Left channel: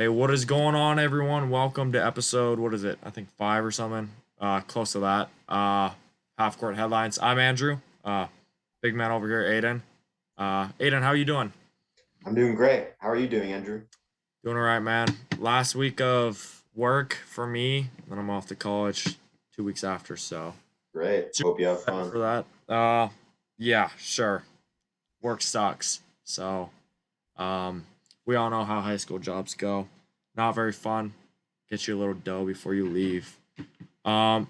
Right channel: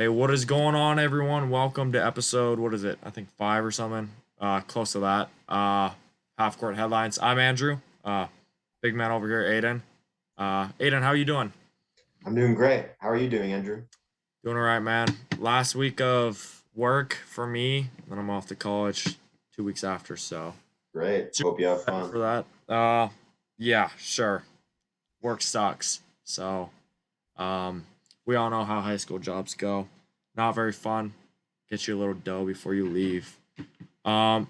Hey, what is going on, everyone? Welcome to episode, what is it? I think five or something. Close to that. Half-court headlines. I'm Andrew. Big man over here, Aidan. Aidan, how you doing? I'm doing great. How are you doing, Andrew? Doing all right, man. Last week of work for me, then I'm off to college 2 weeks after, so Great. super Hope you have excited fun. for that. Yeah, sure. Work sucks. So, um, we all know how high school jobs go. Not very fun. Get you a little dough before you leave. Um,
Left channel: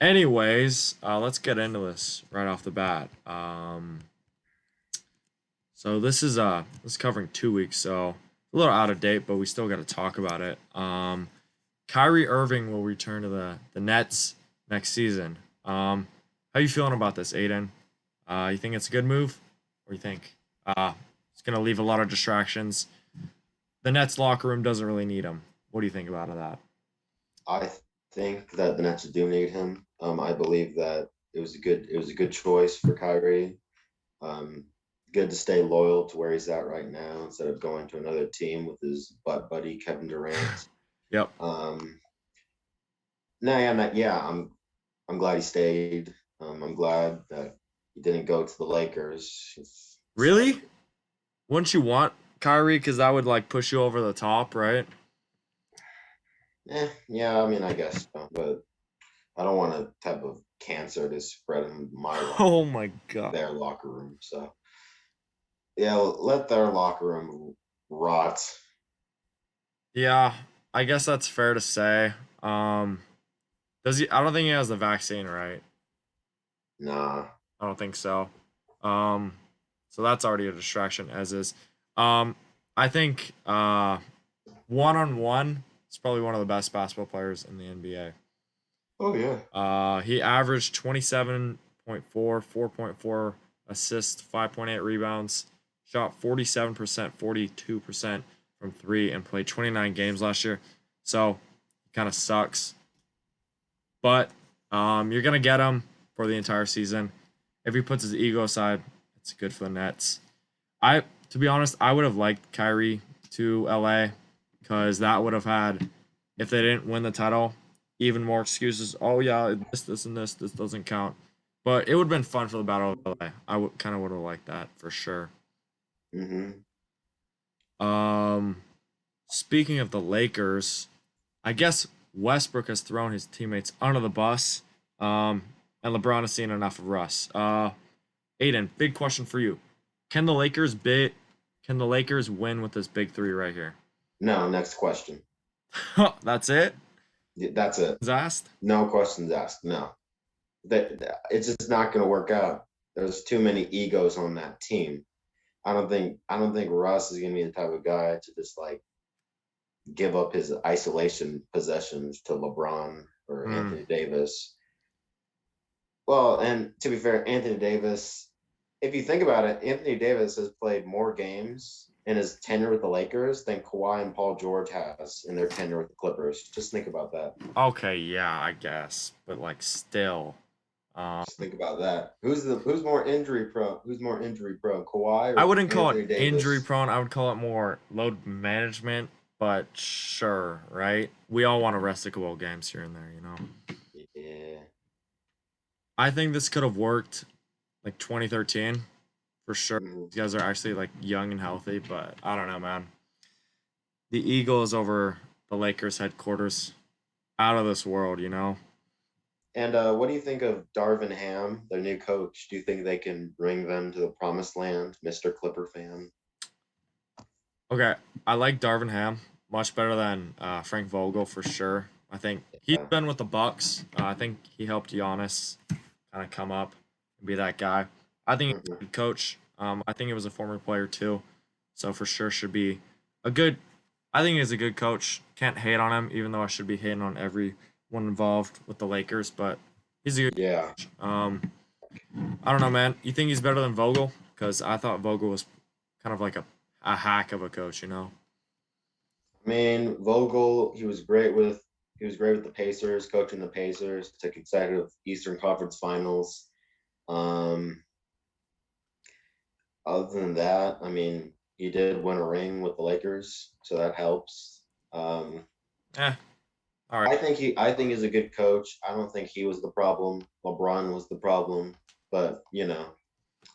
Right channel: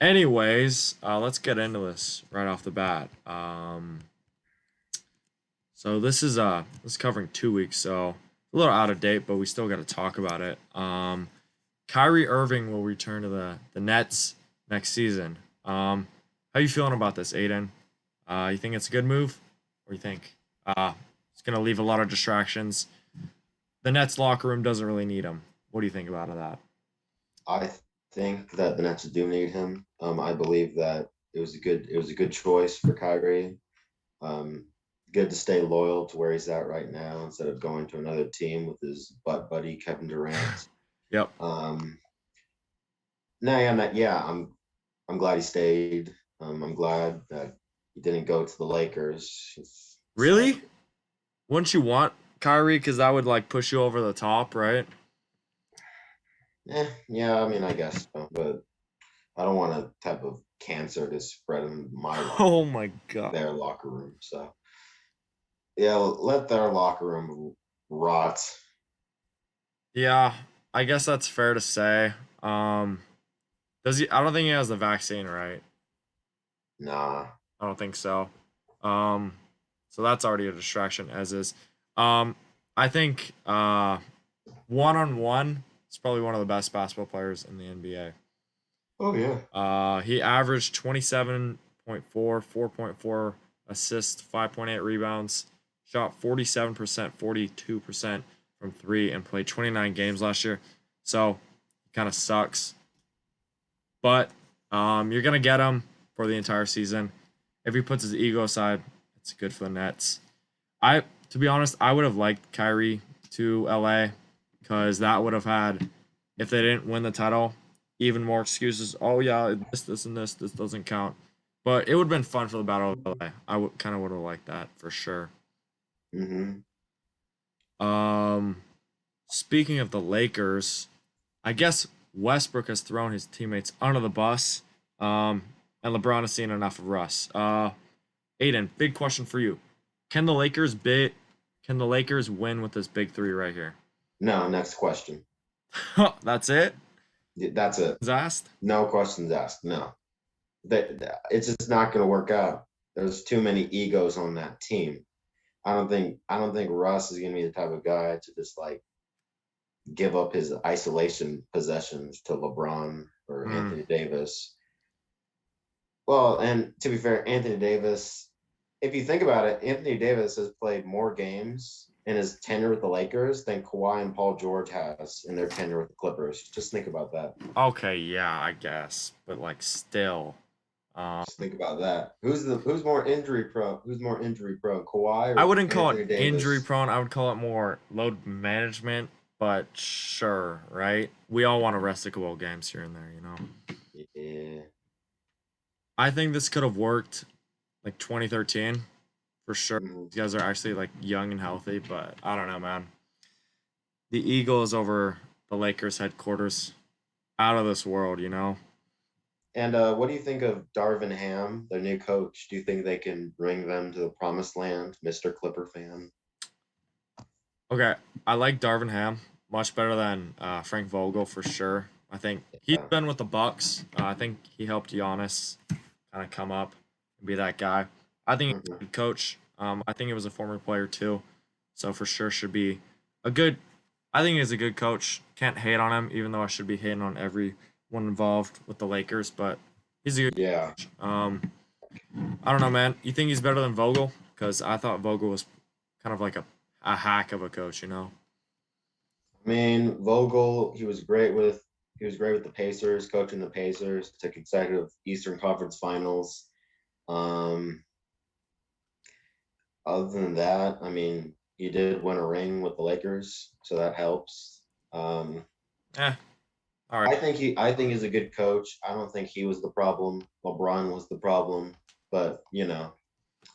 let's get into this right off the bat. So this is covering 2 weeks, so a little out of date, but we still got to talk about it. Kyrie Irving will return to the Nets next season. How you feeling about this, Aiden? You think it's a good move, or you think it's gonna leave a lot of distractions? The Nets locker room doesn't really need him. What do you think about that? I think that the Nets do need him. I believe that it was a good choice for Kyrie. Um, Good to stay loyal to where he's at right now instead of going to another team with his butt buddy Kevin Durant. Yep. Um, no, yeah, I'm glad he stayed. I'm glad that he didn't go to the Lakers. It's like, Really? Wouldn't you want Kyrie? Because that would like push you over the top, right? yeah, I mean, I guess so, but I don't want a type of cancer to spread in my locker Oh room, my god. their locker room. So yeah, let their locker room rot. Yeah, I guess that's fair to say. Um, does he? I don't think he has the vaccine, right? Nah. I don't think so. Um, so that's already a distraction, as is. Um, I think one on one, he's probably one of the best basketball players in the NBA. Oh yeah. He averaged 27.4, 4.4 assists, 5.8 rebounds, shot 47%, 42% from three, and played 29 games last year. So, kind of sucks. But you're going to get him for the entire season. If he puts his ego aside, it's good for the Nets. To be honest, I would have liked Kyrie to LA because that would have had, if they didn't win the title, even more excuses. Oh yeah, this, and this doesn't count. But it would have been fun for the Battle of LA. Kind of would have liked that for sure. Mm-hmm. Um, Speaking of the Lakers, I guess Westbrook has thrown his teammates under the bus. Um, and LeBron has seen enough of Russ. Aiden, big question for you: Can the Lakers bit? Can the Lakers win with this big three right here? No, next question. That's it. That's it. Is asked. No questions asked. No. It's just not going to work out. There's too many egos on that team. I don't think Russ is going to be the type of guy to just like give up his isolation possessions to LeBron or Mm. Anthony Davis. Well, and to be fair, Anthony Davis, if you think about it, Anthony Davis has played more games in his tenure with the Lakers than Kawhi and Paul George has in their tenure with the Clippers. Just think about that. Okay, yeah, I guess, but like still, um, Just think about that. Who's more injury prone? Who's more injury prone, Kawhi I or wouldn't call it Anthony injury Davis? prone. I would call it more load management. But sure, right? We all want to rest a couple of games here and there, you know. Yeah. I think this could have worked like 2013 for sure. Mhm. These guys are actually like young and healthy, but I don't know, man. The Eagles over the Lakers headquarters, out of this world, you know. And what do you think of Darvin Ham, their new coach? Do you think they can bring them to the promised land, Mr. Clipper fan? Okay, I like Darvin Ham much better than Frank Vogel for sure. I think he's Yeah. been with the Bucks. I think he helped Giannis kind of come up and be that guy. I think he's Mhm. a good coach. I think he was a former player too, so for sure should be a good. I think he's a good coach. Can't hate on him, even though I should be hating on everyone involved with the Lakers. But he's a good Yeah. coach. I don't know, man. You think he's better than Vogel? Because I thought Vogel was kind of like a hack of a coach, you know. I mean, Vogel, he was great with the Pacers, coaching the Pacers to consecutive Eastern Conference Finals. Um, Other than that, I mean, he did win a ring with the Lakers, so that helps. Um, Eh, all right. I think he's a good coach. I don't think he was the problem. LeBron was the problem, but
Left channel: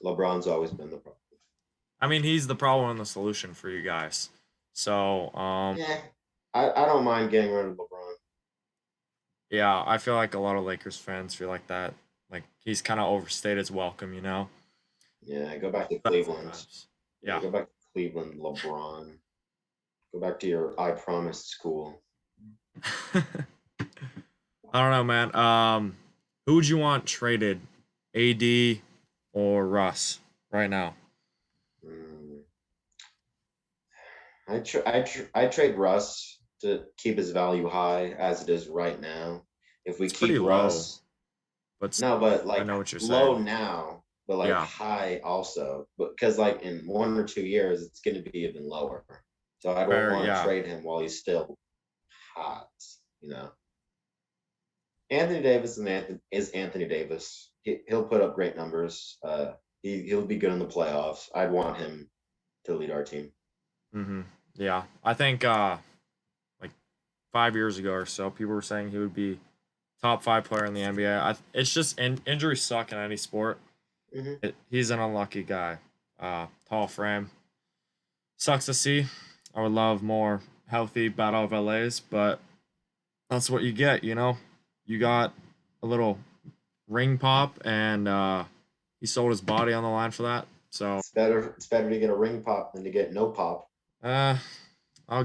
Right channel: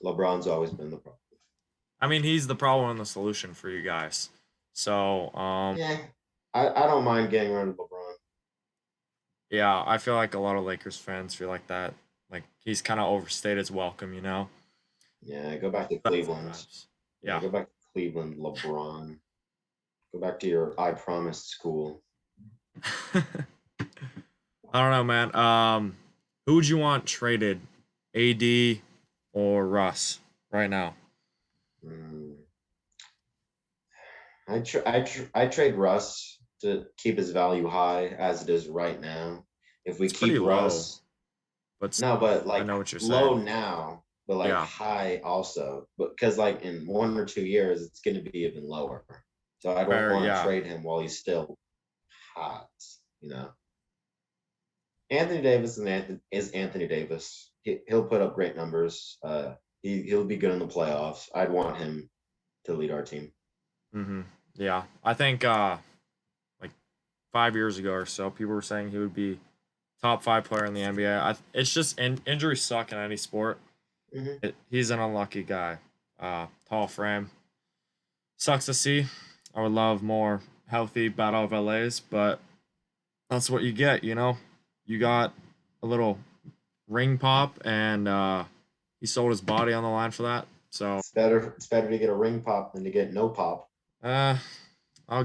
LeBron's always been the problem. I mean, he's the problem and the solution for you guys. So, Yeah, I don't mind getting rid of LeBron. yeah, I feel like a lot of Lakers fans feel like that. Like he's kind of overstayed his welcome, you know. Yeah, go back to That Cleveland. sometimes. Yeah, Yeah. go back to Cleveland, LeBron. Go back to your I promise school. I don't know, man. Who would you want traded, AD or Russ right now? Mm. I trade Russ to keep his value high as it is right now. If we It's pretty keep low, Russ, but no, but I like know what you're low saying. now, but like Yeah, high also. But because like in 1 or 2 years, it's going to be even lower. So I don't fair. want to Yeah. trade him while he's still hot. You know, Anthony Davis is Anthony Davis. He'll put up great numbers. He'll be good in the playoffs. I'd want him to lead our team. Mm-hmm. Yeah. I think like 5 years ago or so, people were saying he would be top five player in the NBA. It's just injuries suck in any sport. Hmm. He's an unlucky guy. Tall frame. Sucks to see. I would love more healthy Battle of LAs, but that's what you get, you know? You got a little ring pop, and he sold his body on the line for that. So, It's better to get a ring pop than to get no pop. uh, we'll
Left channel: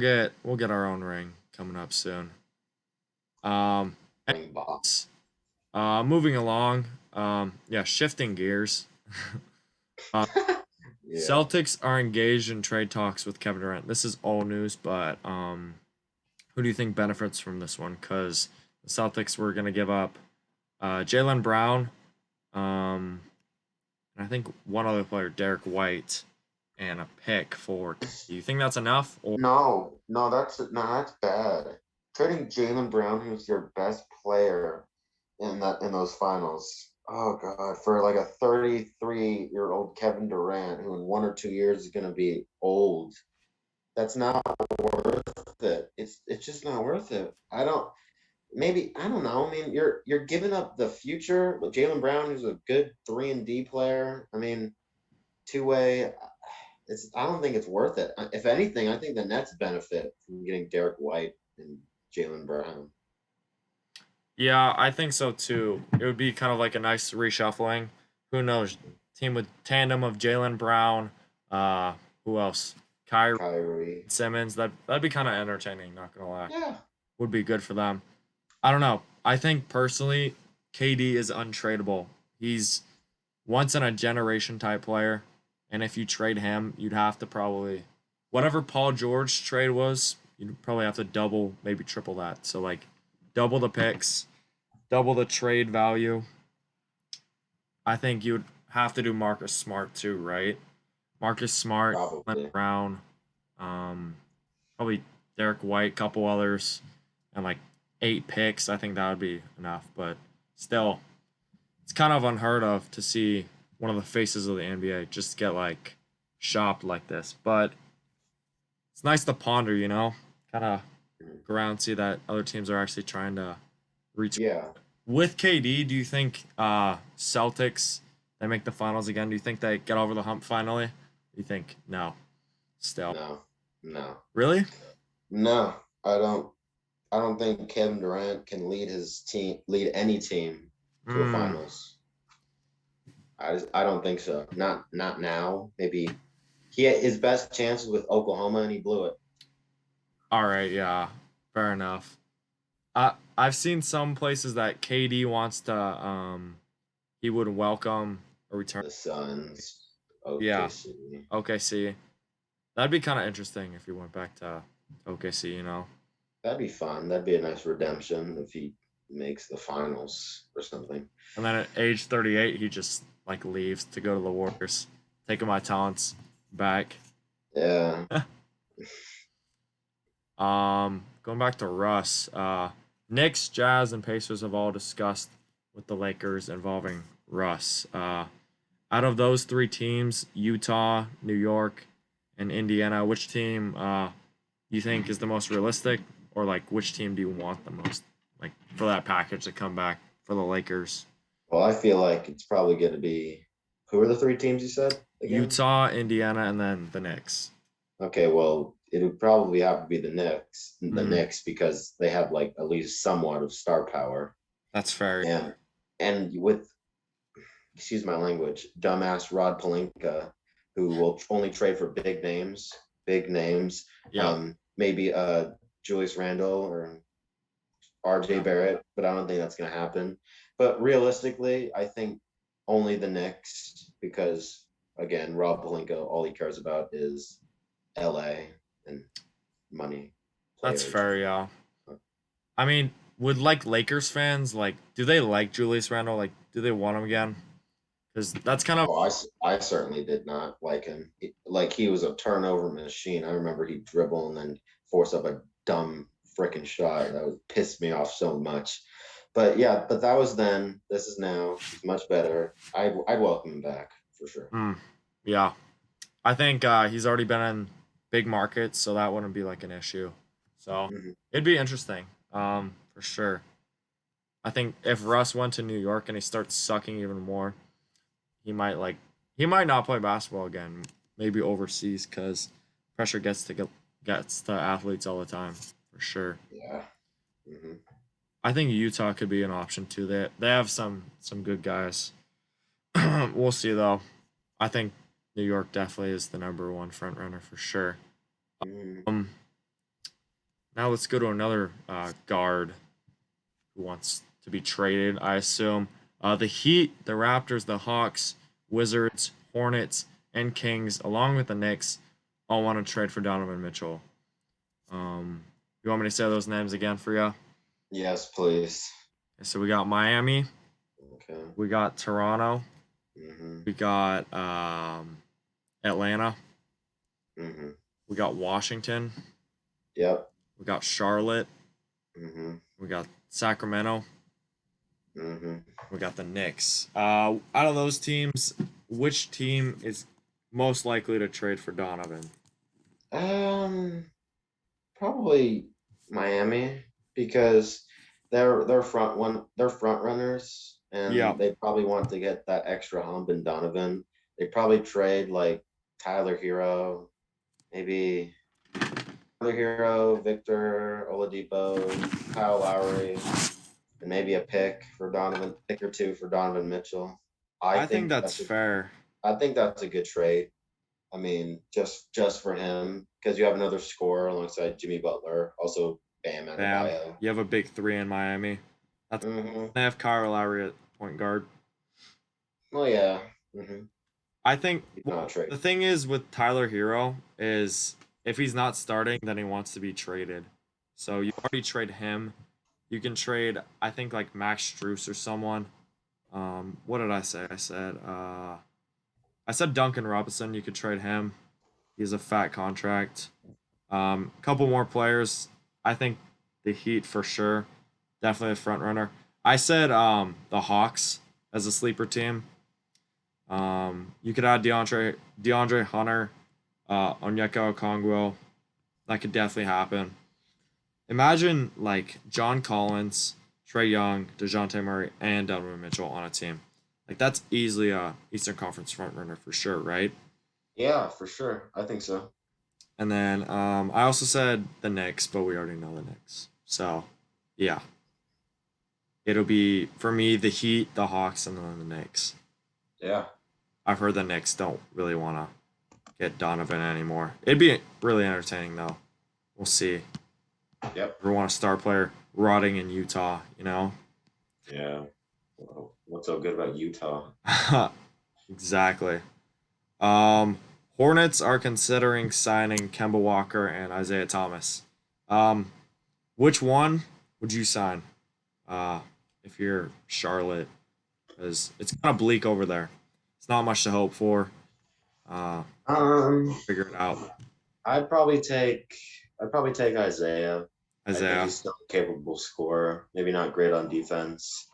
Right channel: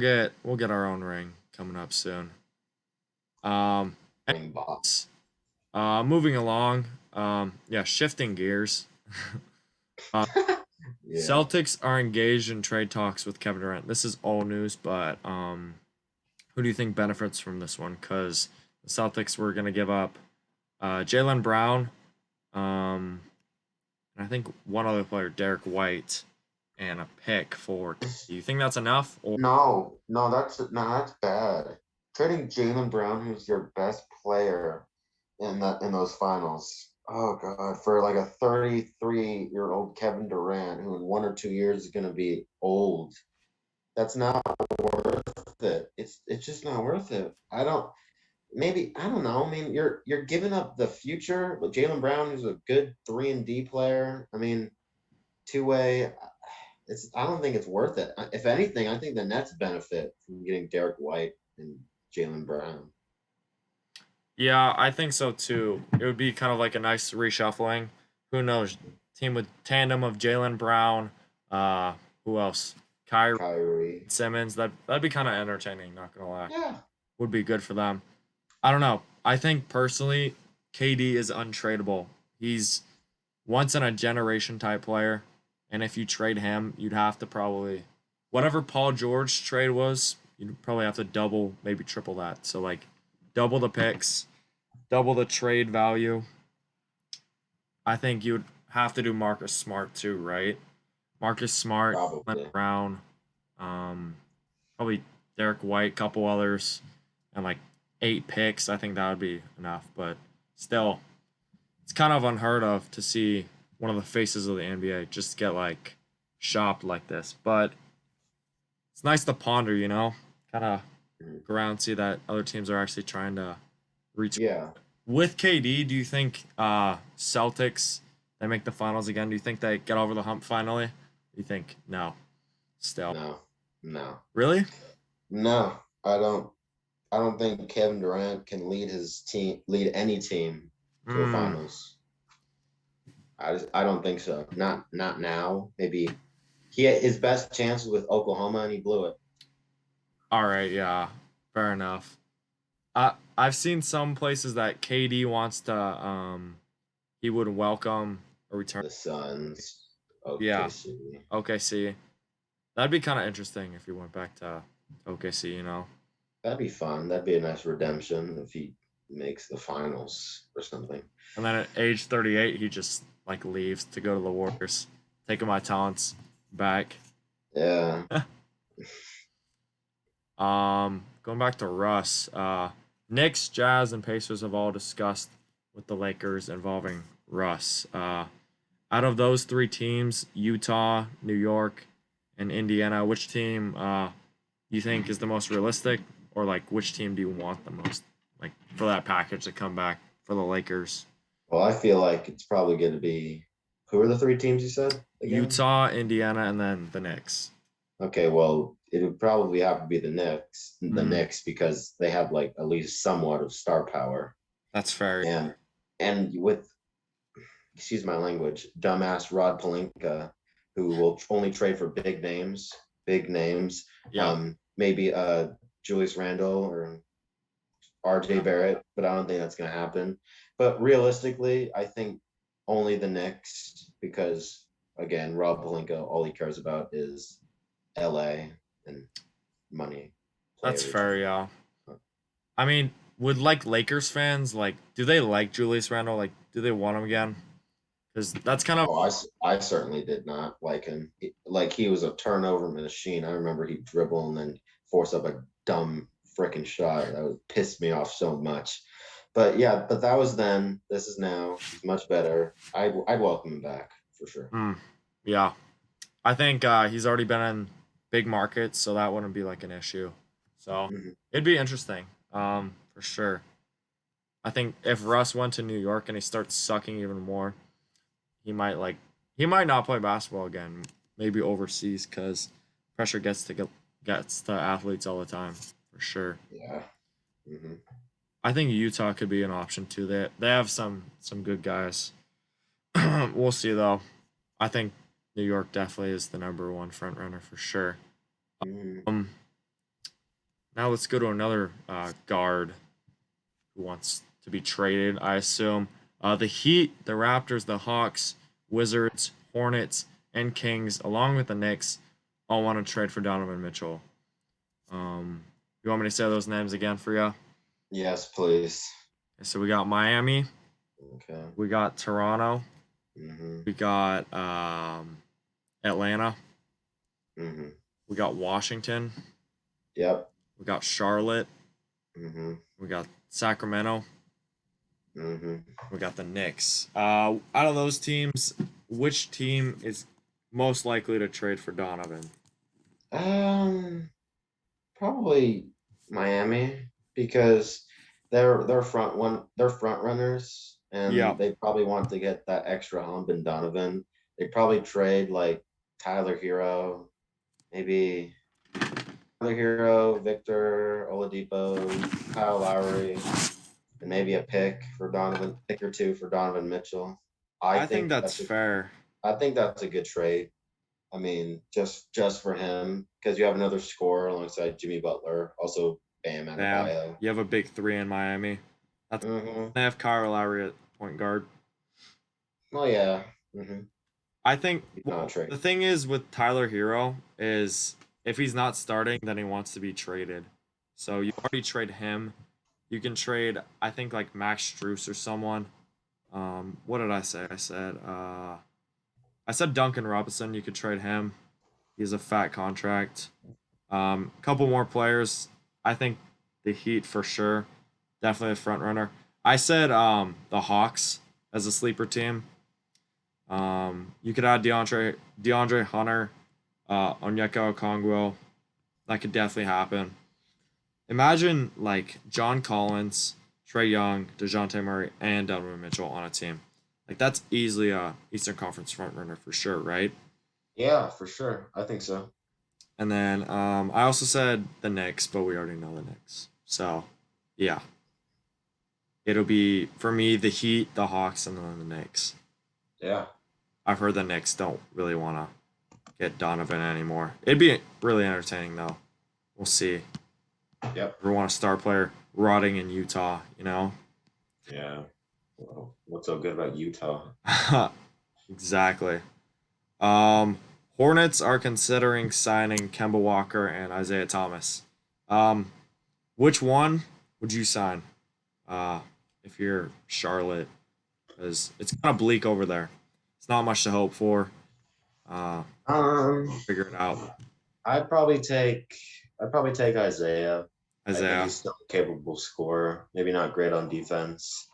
get our own ring coming up soon. Um, Ring box. moving along. Yeah, shifting gears. uh, Yeah. Celtics are engaged in trade talks with Kevin Durant. This is old news, but who do you think benefits from this one? Because the Celtics were going to give up Jalen Brown, um, and I think one other player, Derek White, and a pick for. Do you think that's enough? Or That's bad. Trading Jalen Brown, who's your best player in those finals. Oh God, for like a 33-year-old Kevin Durant, who in 1 or 2 years is gonna be old. That's not worth it. It's just not worth it. I don't know. I mean, you're giving up the future with Jalen Brown, who's a good 3-and-D player. I mean, two-way. I don't think it's worth it. If anything, I think the Nets benefit from getting Derek White and Jalen Brown. yeah, I think so too. It would be kind of like a nice reshuffling. Who knows? Team with tandem of Jalen Brown. Uh, who else? Kyrie Kyrie. Simmons. That'd be kind of entertaining. Not gonna lie, Yeah. would be good for them. I don't know. I think personally, KD is untradeable. He's once in a generation type player, and if you trade him, you'd have to probably whatever Paul George trade was, you'd probably have to double, maybe triple that. So like double the picks, double the trade value. I think you'd have to do Marcus Smart too, right? Marcus Smart, Glenn Probably. Brown, um, probably Derek White, couple others, and like 8 picks. I think that would be enough. But still, it's kind of unheard of to see one of the faces of the NBA just get like shopped like this. But it's nice to ponder, you know, kind of go around and see that other teams are actually trying to reach. Yeah. With KD, do you think Celtics they make the finals again? Do you think they get over the hump finally? Do you think no? Still, No. No. really? No. I don't think Kevin Durant can lead any team to a Mm. finals. I don't think so. Not now. Maybe he had his best chance was with Oklahoma and he blew it. All right, yeah, fair enough. I've seen some places that KD wants to he would welcome a return. The Suns, Yeah, OKC. OKC. That'd be kind of interesting if he went back to OKC, you know. That'd be fun. That'd be a nice redemption if he makes the finals or something. And then at age 38, he just like leaves to go to the Warriors, taking my talents back. Yeah. Going back to Russ, Knicks, Jazz, and Pacers have all discussed with the Lakers involving Russ. Out of those three teams, Utah, New York, and Indiana, which team you think is the most realistic, or like which team do you want the most, like for that package to come back for the Lakers? Well, I feel like it's probably going to be who are the three teams you said again? Utah, Indiana, and then the Knicks. Okay, well, it would probably have to be the Mm, Knicks because they have like at least somewhat of star power, that's fair. and with excuse my language, dumbass Rod Palinka, who will only trade for big names, Yeah. maybe Julius Randle or RJ Yeah. Barrett, but I don't think that's going to happen. But realistically, I think only the Knicks because again, Rob Palinka, all he cares about is LA and money, That's players. fair. Yeah. I mean, would like Lakers fans like? Do they like Julius Randle? Like, do they want him again? Because that's kind of Oh, I certainly did not like him. Like he was a turnover machine. I remember he'd dribble and then force up a dumb freaking shot that would piss me off so much. But yeah, but that was then. This is now. He's much better. I'd welcome him back for sure. yeah. I think he's already been in big markets, so that wouldn't be like an issue. So Hmm. it'd be interesting, for sure. I think if Russ went to New York and he starts sucking even more, he might like he might not play basketball again. Maybe overseas because pressure gets to athletes all the time for sure. Yeah. Hmm. I think Utah could be an option too. They have some good guys. We'll see though. I think New York definitely is the number one front runner for sure. Hmm. Um, Now let's go to another guard who wants to be traded. I assume the Heat, the Raptors, the Hawks, Wizards, Hornets, and Kings, along with the Knicks, all want to trade for Donovan Mitchell. You want me to say those names again for you? Yes, please. So we got Miami, Okay. we got Toronto, Hmm. we got Atlanta, Hmm. we got Washington, Yep. we got Charlotte, Hmm. we got Sacramento, Hmm. we got the Knicks. Out of those teams, which team is most likely to trade for Donovan? Um, Probably Miami because they're front runners Yeah, and they probably want to get that extra hump in Donovan. They probably trade like Tyler Hero, maybe Tyler Hero, Victor Oladipo, Kyle Lowry, and maybe a pick or two for Donovan Mitchell. I I think think that's fair. I think that's a good trade. I mean, just for him, because you have another scorer alongside Jimmy Butler, also Bam Bam, Adebayo. you have a big three in Miami. That's Mm-hmm. they have Kyle Lowry at point guard. Well, yeah. Mm-hmm. I think He's not a well, the trade. thing is with Tyler Hero is if he's not starting, then he wants to be traded. So you already trade him. You can trade, I think, like Max Struess or someone. What did I say? I said Duncan Robinson. You could trade him. He has a fat contract. Couple more players. I think the Heat for sure. Definitely a front runner. I said the Hawks as a sleeper team. You could add DeAndre Hunter, Onyeka Okongwu. That could definitely happen. Imagine like John Collins, Trey Young, Dejounte Murray, and Donovan Mitchell on a team. Like that's easily a Eastern Conference front runner for sure, right? Yeah, for sure. I think so. And then I also said the Knicks, but we already know the Knicks. So yeah, it'll be for me the Heat, the Hawks, and then the Knicks. Yeah. I've heard the Knicks don't really want to get Donovan anymore. It'd be really entertaining though. We'll see. Yep. We want a star player rotting in Utah, you know? Yeah. Well, what's so good about Utah? Exactly. Um, Hornets are considering signing Kemba Walker and Isaiah Thomas. Um, which one would you sign? Uh, if you're Charlotte, because it's kind of bleak over there. It's not much to hope for. Uh, Um, Figure it out, I'd probably take I'd probably take Isaiah. I think Isaiah. he's still a capable scorer. Maybe not great on defense,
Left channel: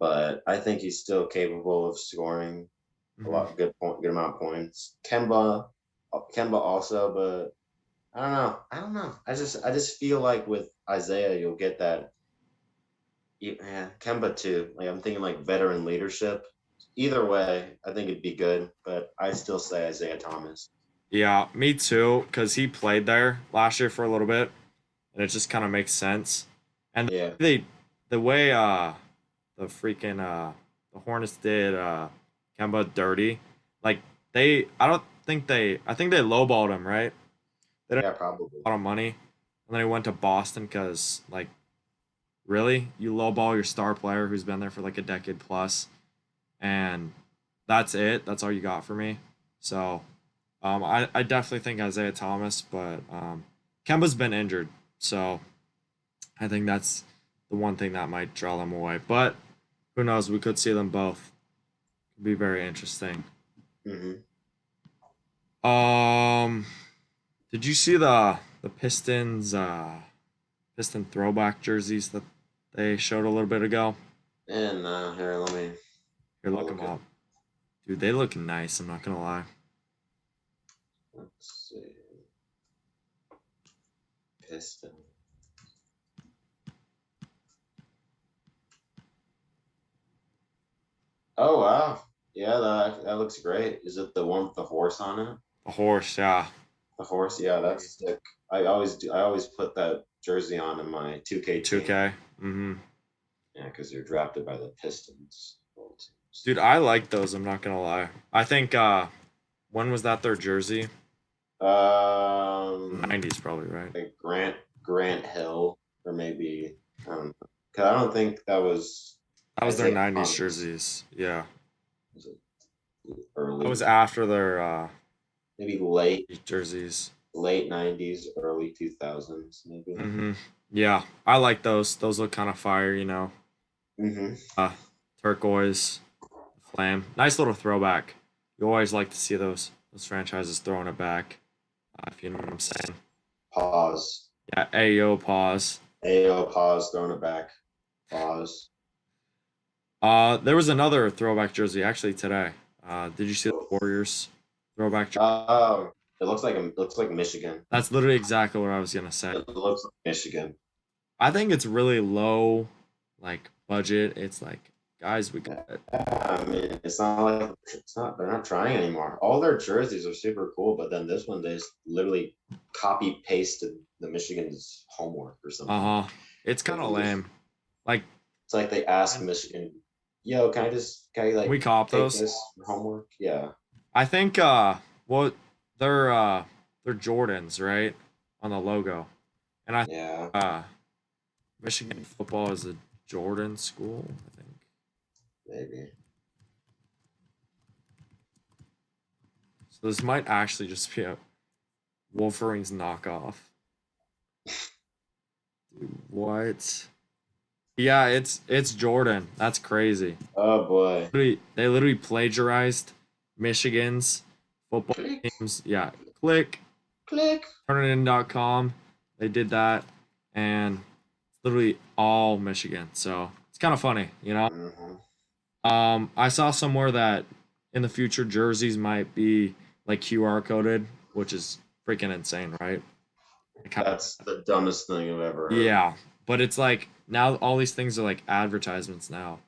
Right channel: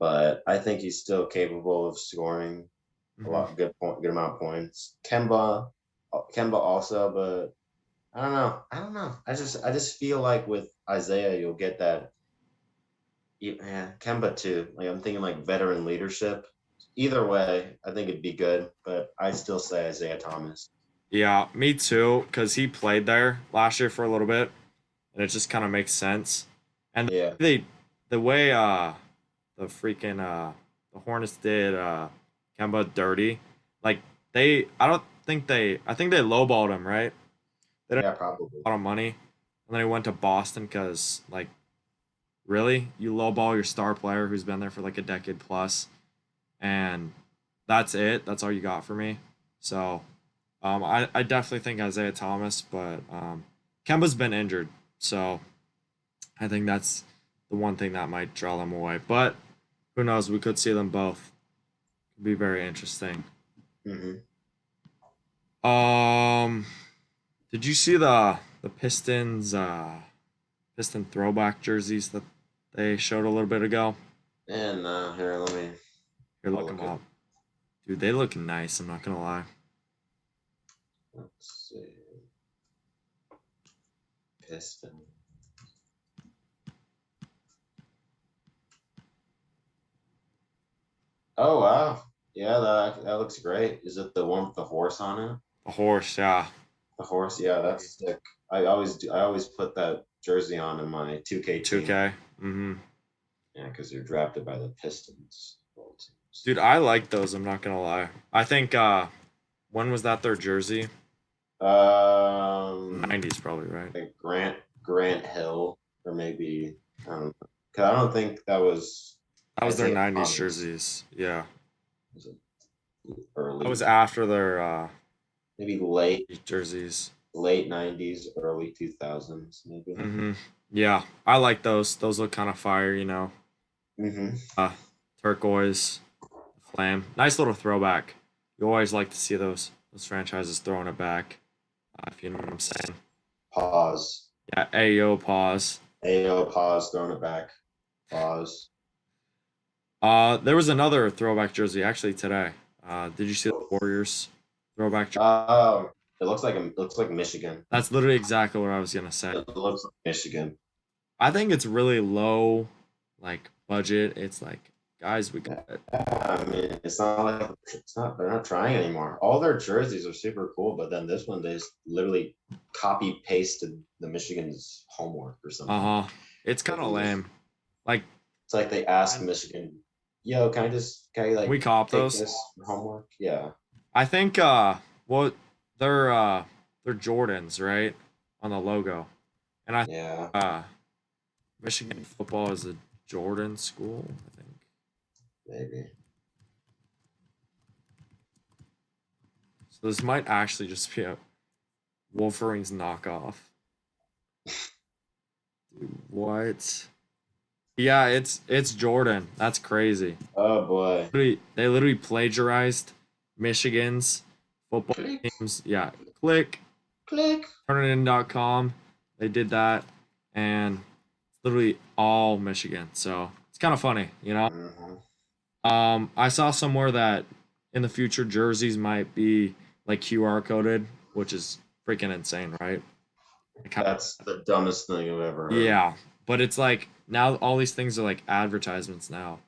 but I think he's still capable of scoring Hmm. good amount of points. Kemba also, but I don't know. I don't know. I just feel like with Isaiah, you'll get that. Yeah, Kemba too. Like I'm thinking like veteran leadership. Either way, I think it'd be good, but I still say Isaiah Thomas. Yeah, me too, because he played there last year for a little bit, and it just kind of makes sense. And Yeah, they, the way the freaking the Hornets did Kemba dirty, like I don't think I think they lowballed him, right? They didn't yeah, probably. have a lot of money, and then he went to Boston because like really you lowball your star player who's been there for like a decade plus, and that's it. That's all you got for me. So I definitely think Isaiah Thomas, but Kemba's been injured, so I think that's the one thing that might draw them away. But who knows? We could see them both. Could be very interesting. Hmm. Um, did you see the Pistons Piston throwback jerseys that they showed a little bit ago? And here, Here, I'll look them look at. up, dude. They look nice. I'm not gonna lie. Let's see, Piston. Oh wow, yeah, that looks great. Is it the one with the horse on it? A horse, yeah. The horse, yeah, that's sick. I always do. I always put that jersey on in my 2K team. 2K. Mm-hmm. Yeah, because you're drafted by the Pistons. Dude, I like those. I'm not gonna lie. I think when was that their jersey? Um, 90s probably, right? like Grant Hill, or maybe I don't know. 'Cause I don't think that was That was their Isaiah 90s Thomas. jerseys. Yeah. Was it That was early, after their maybe late jerseys. late '90s, early 2000s, maybe. Mm-hmm. Yeah, I like those. Those look kind of fire, you know. Mm-hmm. Uh, Turquoise, flame. Nice little throwback. You always like to see those franchises throwing it back. If you know what I'm saying. Pause. Yeah. Ayo, pause. Ayo, pause. Throwing it back. Pause. There was another throwback jersey actually today. Did you see the Warriors throwback jersey? Oh, it looks like Michigan. That's literally exactly what I was gonna say. It looks like Michigan. I think it's really low, like budget. It's like, guys, we got it. I mean, it's not like it's not. They're not trying anymore. All their jerseys are super cool, but then this one they just literally copy pasted the Michigan's homework or something. Uh huh. It's kind Like of they just, lame. Like, it's like they asked and Michigan, "Yo, can you like we cop take those. this for homework?" Yeah. I think well, they're Jordans, right, on the logo, and I Yeah. Michigan football is a Jordan school. I think. Maybe. So this might actually just be a Wolverine's knockoff. Dude, what? Yeah, it's Jordan. That's crazy. Oh boy. They literally plagiarized Michigan's football Click, teams. Yeah, click click. turnitin.com. They did that, and it's literally all Michigan. So it's kind of funny, you know. Hmm. I saw somewhere that in the future jerseys might be like QR coded, which is freaking insane, right? Like That's the dumbest thing I've ever heard. yeah, but it's like now all these things are like advertisements now.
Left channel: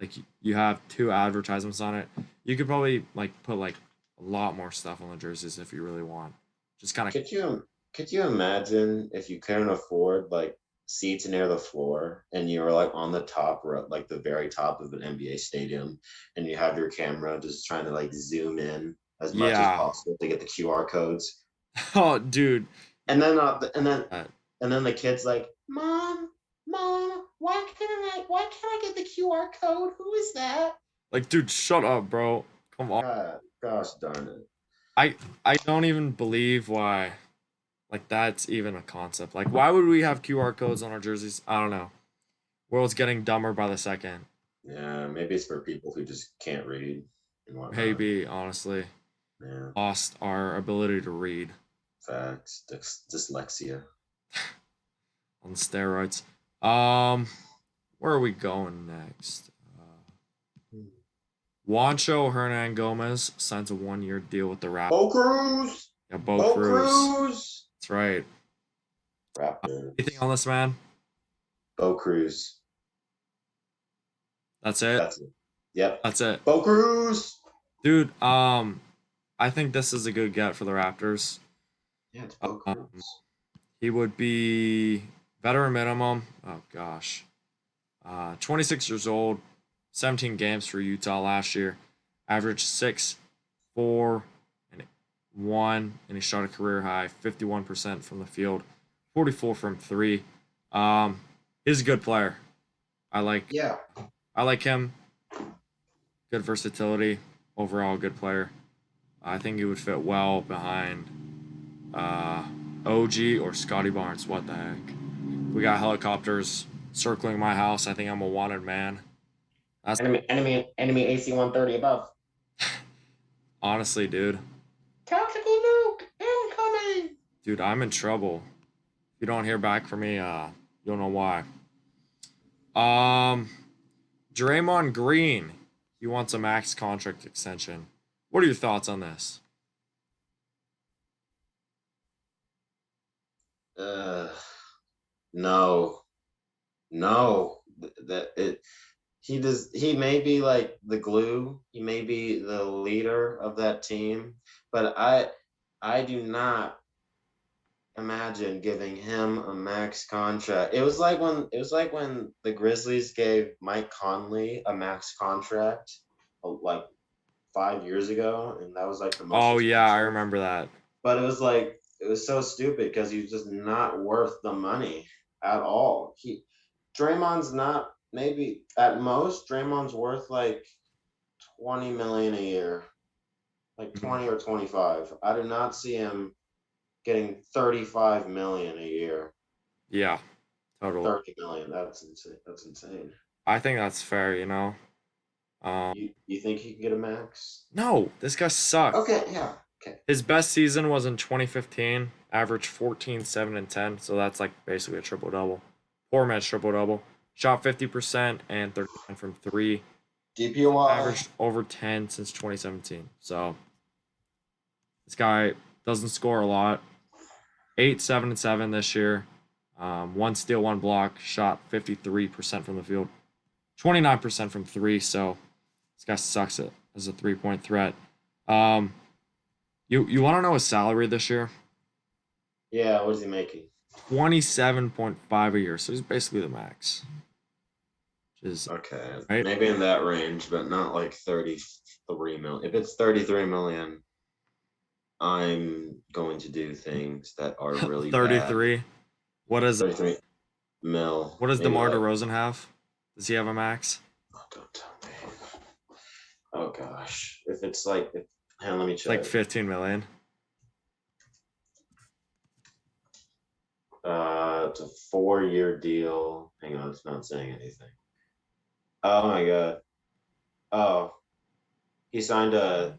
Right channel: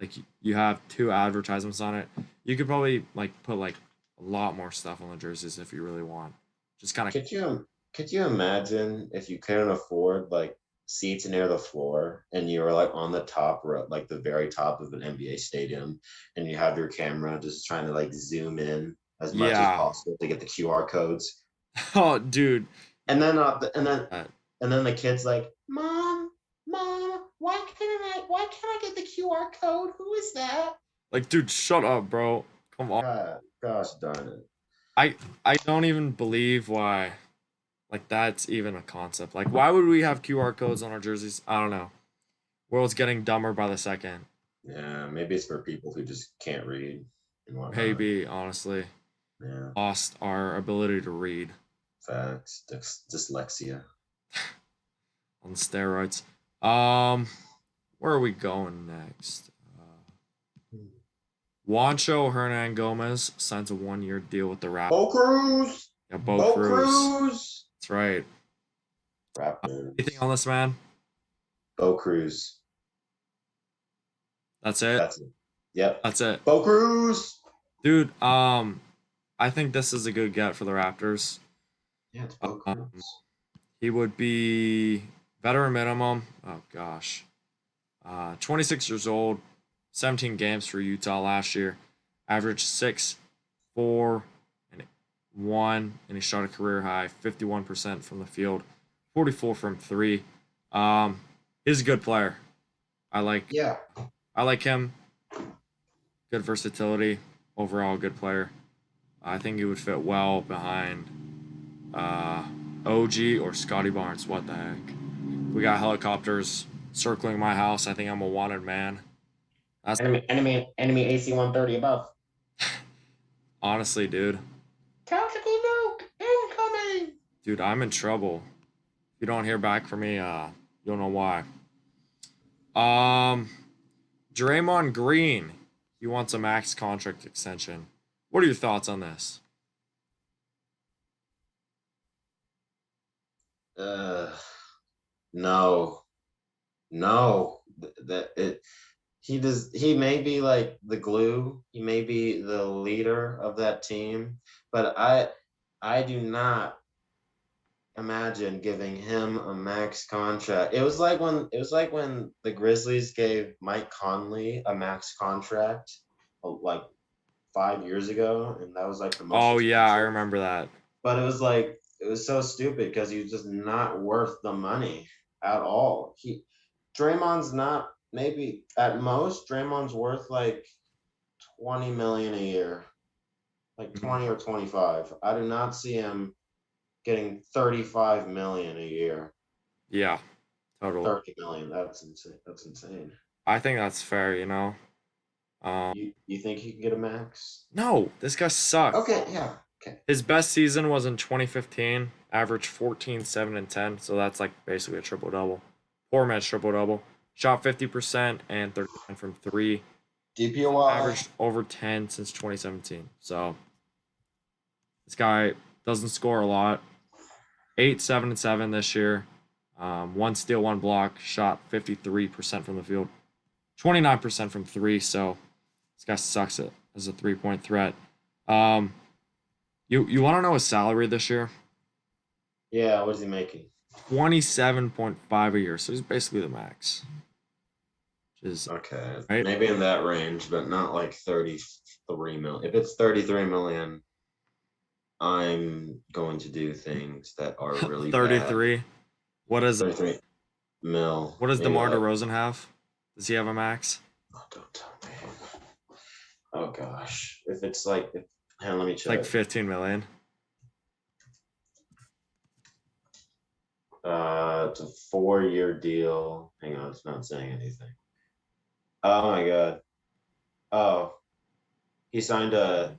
Like you have two advertisements on it. You could probably like put like a lot more stuff on the jerseys if you really want. Just kind of Could you imagine if you couldn't afford like seats near the floor and you were like on the top or like the very top of an NBA stadium and you have your camera just trying to like zoom in as much as yeah. possible to get the QR codes. Oh, dude. And then and then Uh, and then the kid's like, Mom, why can't I get the QR code? Who is that? like, dude, shut up, bro. Come on. God, gosh darn it. I I don't even believe why like that's even a concept. Like, why would we have QR codes on our jerseys? I don't know. World's getting dumber by the second. Yeah, maybe it's for people who just can't read and whatnot. Maybe, honestly, Yeah. lost our ability to read Facts. Dyslexia. on steroids. Um, where are we going next? Juancho Hernan Gomez signs a 1 year deal with the Raptors. Bo Cruz. Yeah, Bo Bo Cruz. Cruz. That's right. Anything Raptors. on this man? Bo Cruz. That's it. That's it. Yep. That's it. Bo Cruz. Dude, I think this is a good get for the Raptors. Yeah, it's Bo Um, Cruz. he would be veteran minimum. Oh gosh. 26 years old, 17 games for Utah last year, averaged 6, 4, and 1, and he shot a career high 51% from the field, 44 from three. Um, he's a good player. I like Yeah. I like him. Good versatility, overall good player. I think he would fit well behind uh, OG or Scotty Barnes. What the heck? We got helicopters circling my house. I think I'm a wanted man. That's Enemy AC 130 above. honestly, dude. Tactical nuke incoming. Dude, I'm in trouble. If you don't hear back from me, you'll know why. Um, Draymond Green. He wants a max contract extension. What are your thoughts on this? Uh, no, no. That it. He does. He may be like the glue. He may be the leader of that team, but I do not imagine giving him a max contract. It was like when the Grizzlies gave Mike Conley a max contract, like 5 years ago, and that was like the most Oh yeah, I expensive. remember that. But it was so stupid because he was just not worth the money at all. Draymond's not, maybe at most Draymond's worth like 20 million a year, like Mhm. 20 or 25. I do not see him getting 35 million a year. Yeah, totally. 30 million. That's insane. That's insane. I think that's fair. You know. Um, You think he can get a max? no, this guy sucked. Okay, yeah. Okay. His best season was in 2015, averaged 14, 7, and 10. So that's like basically a triple double. Poor man's triple double. Shot 50% and 39 from three. DPOY. Averaged over 10 since 2017. So this guy doesn't score a lot. 8, 7, and 7 this year. One steal, one block. Shot 53% from the field. 29% from three. So this guy sucks it as a 3-point threat. Um, you want to know his salary this year? Yeah, what is he making? 27.5 a year. So he's basically the max. Which is Okay, right. maybe in that range, but not like 33 million. If it's 33 million, I'm going to do things that are really bad. 33. What is 33 mil, what does maybe DeMar like. DeRozan have? Does he have a max? Oh, don't tell me. Oh gosh, if it's like, hang on, let me It's like check. 15 million. It's a 4-year deal. Hang on, it's not saying anything. Oh my god. Oh, he signed a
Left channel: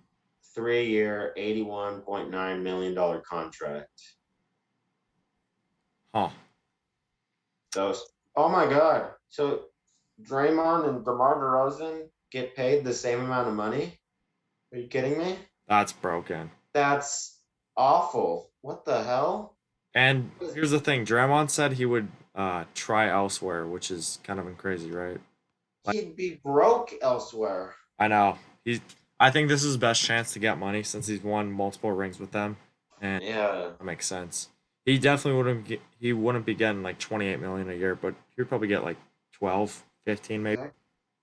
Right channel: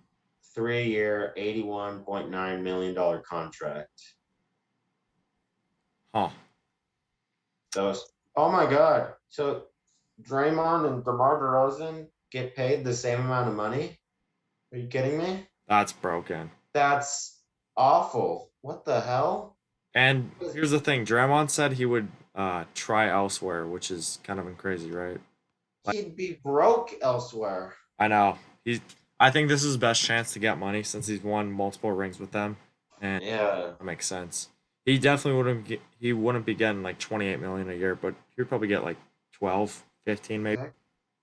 3-year, $81.9 million contract. Huh. Those. Oh my god. So Draymond and DeMar DeRozan get paid the same amount of money? Are you kidding me? That's broken. That's awful. What the hell? And here's the thing, Draymond said he would try elsewhere, which is kind of crazy, right? Like He'd be broke elsewhere. I know. I think this is his best chance to get money since he's won multiple rings with them. And Yeah. that makes sense. He definitely he wouldn't be getting like 28 million a year, but he'd probably get like 12, 15 maybe. Heck,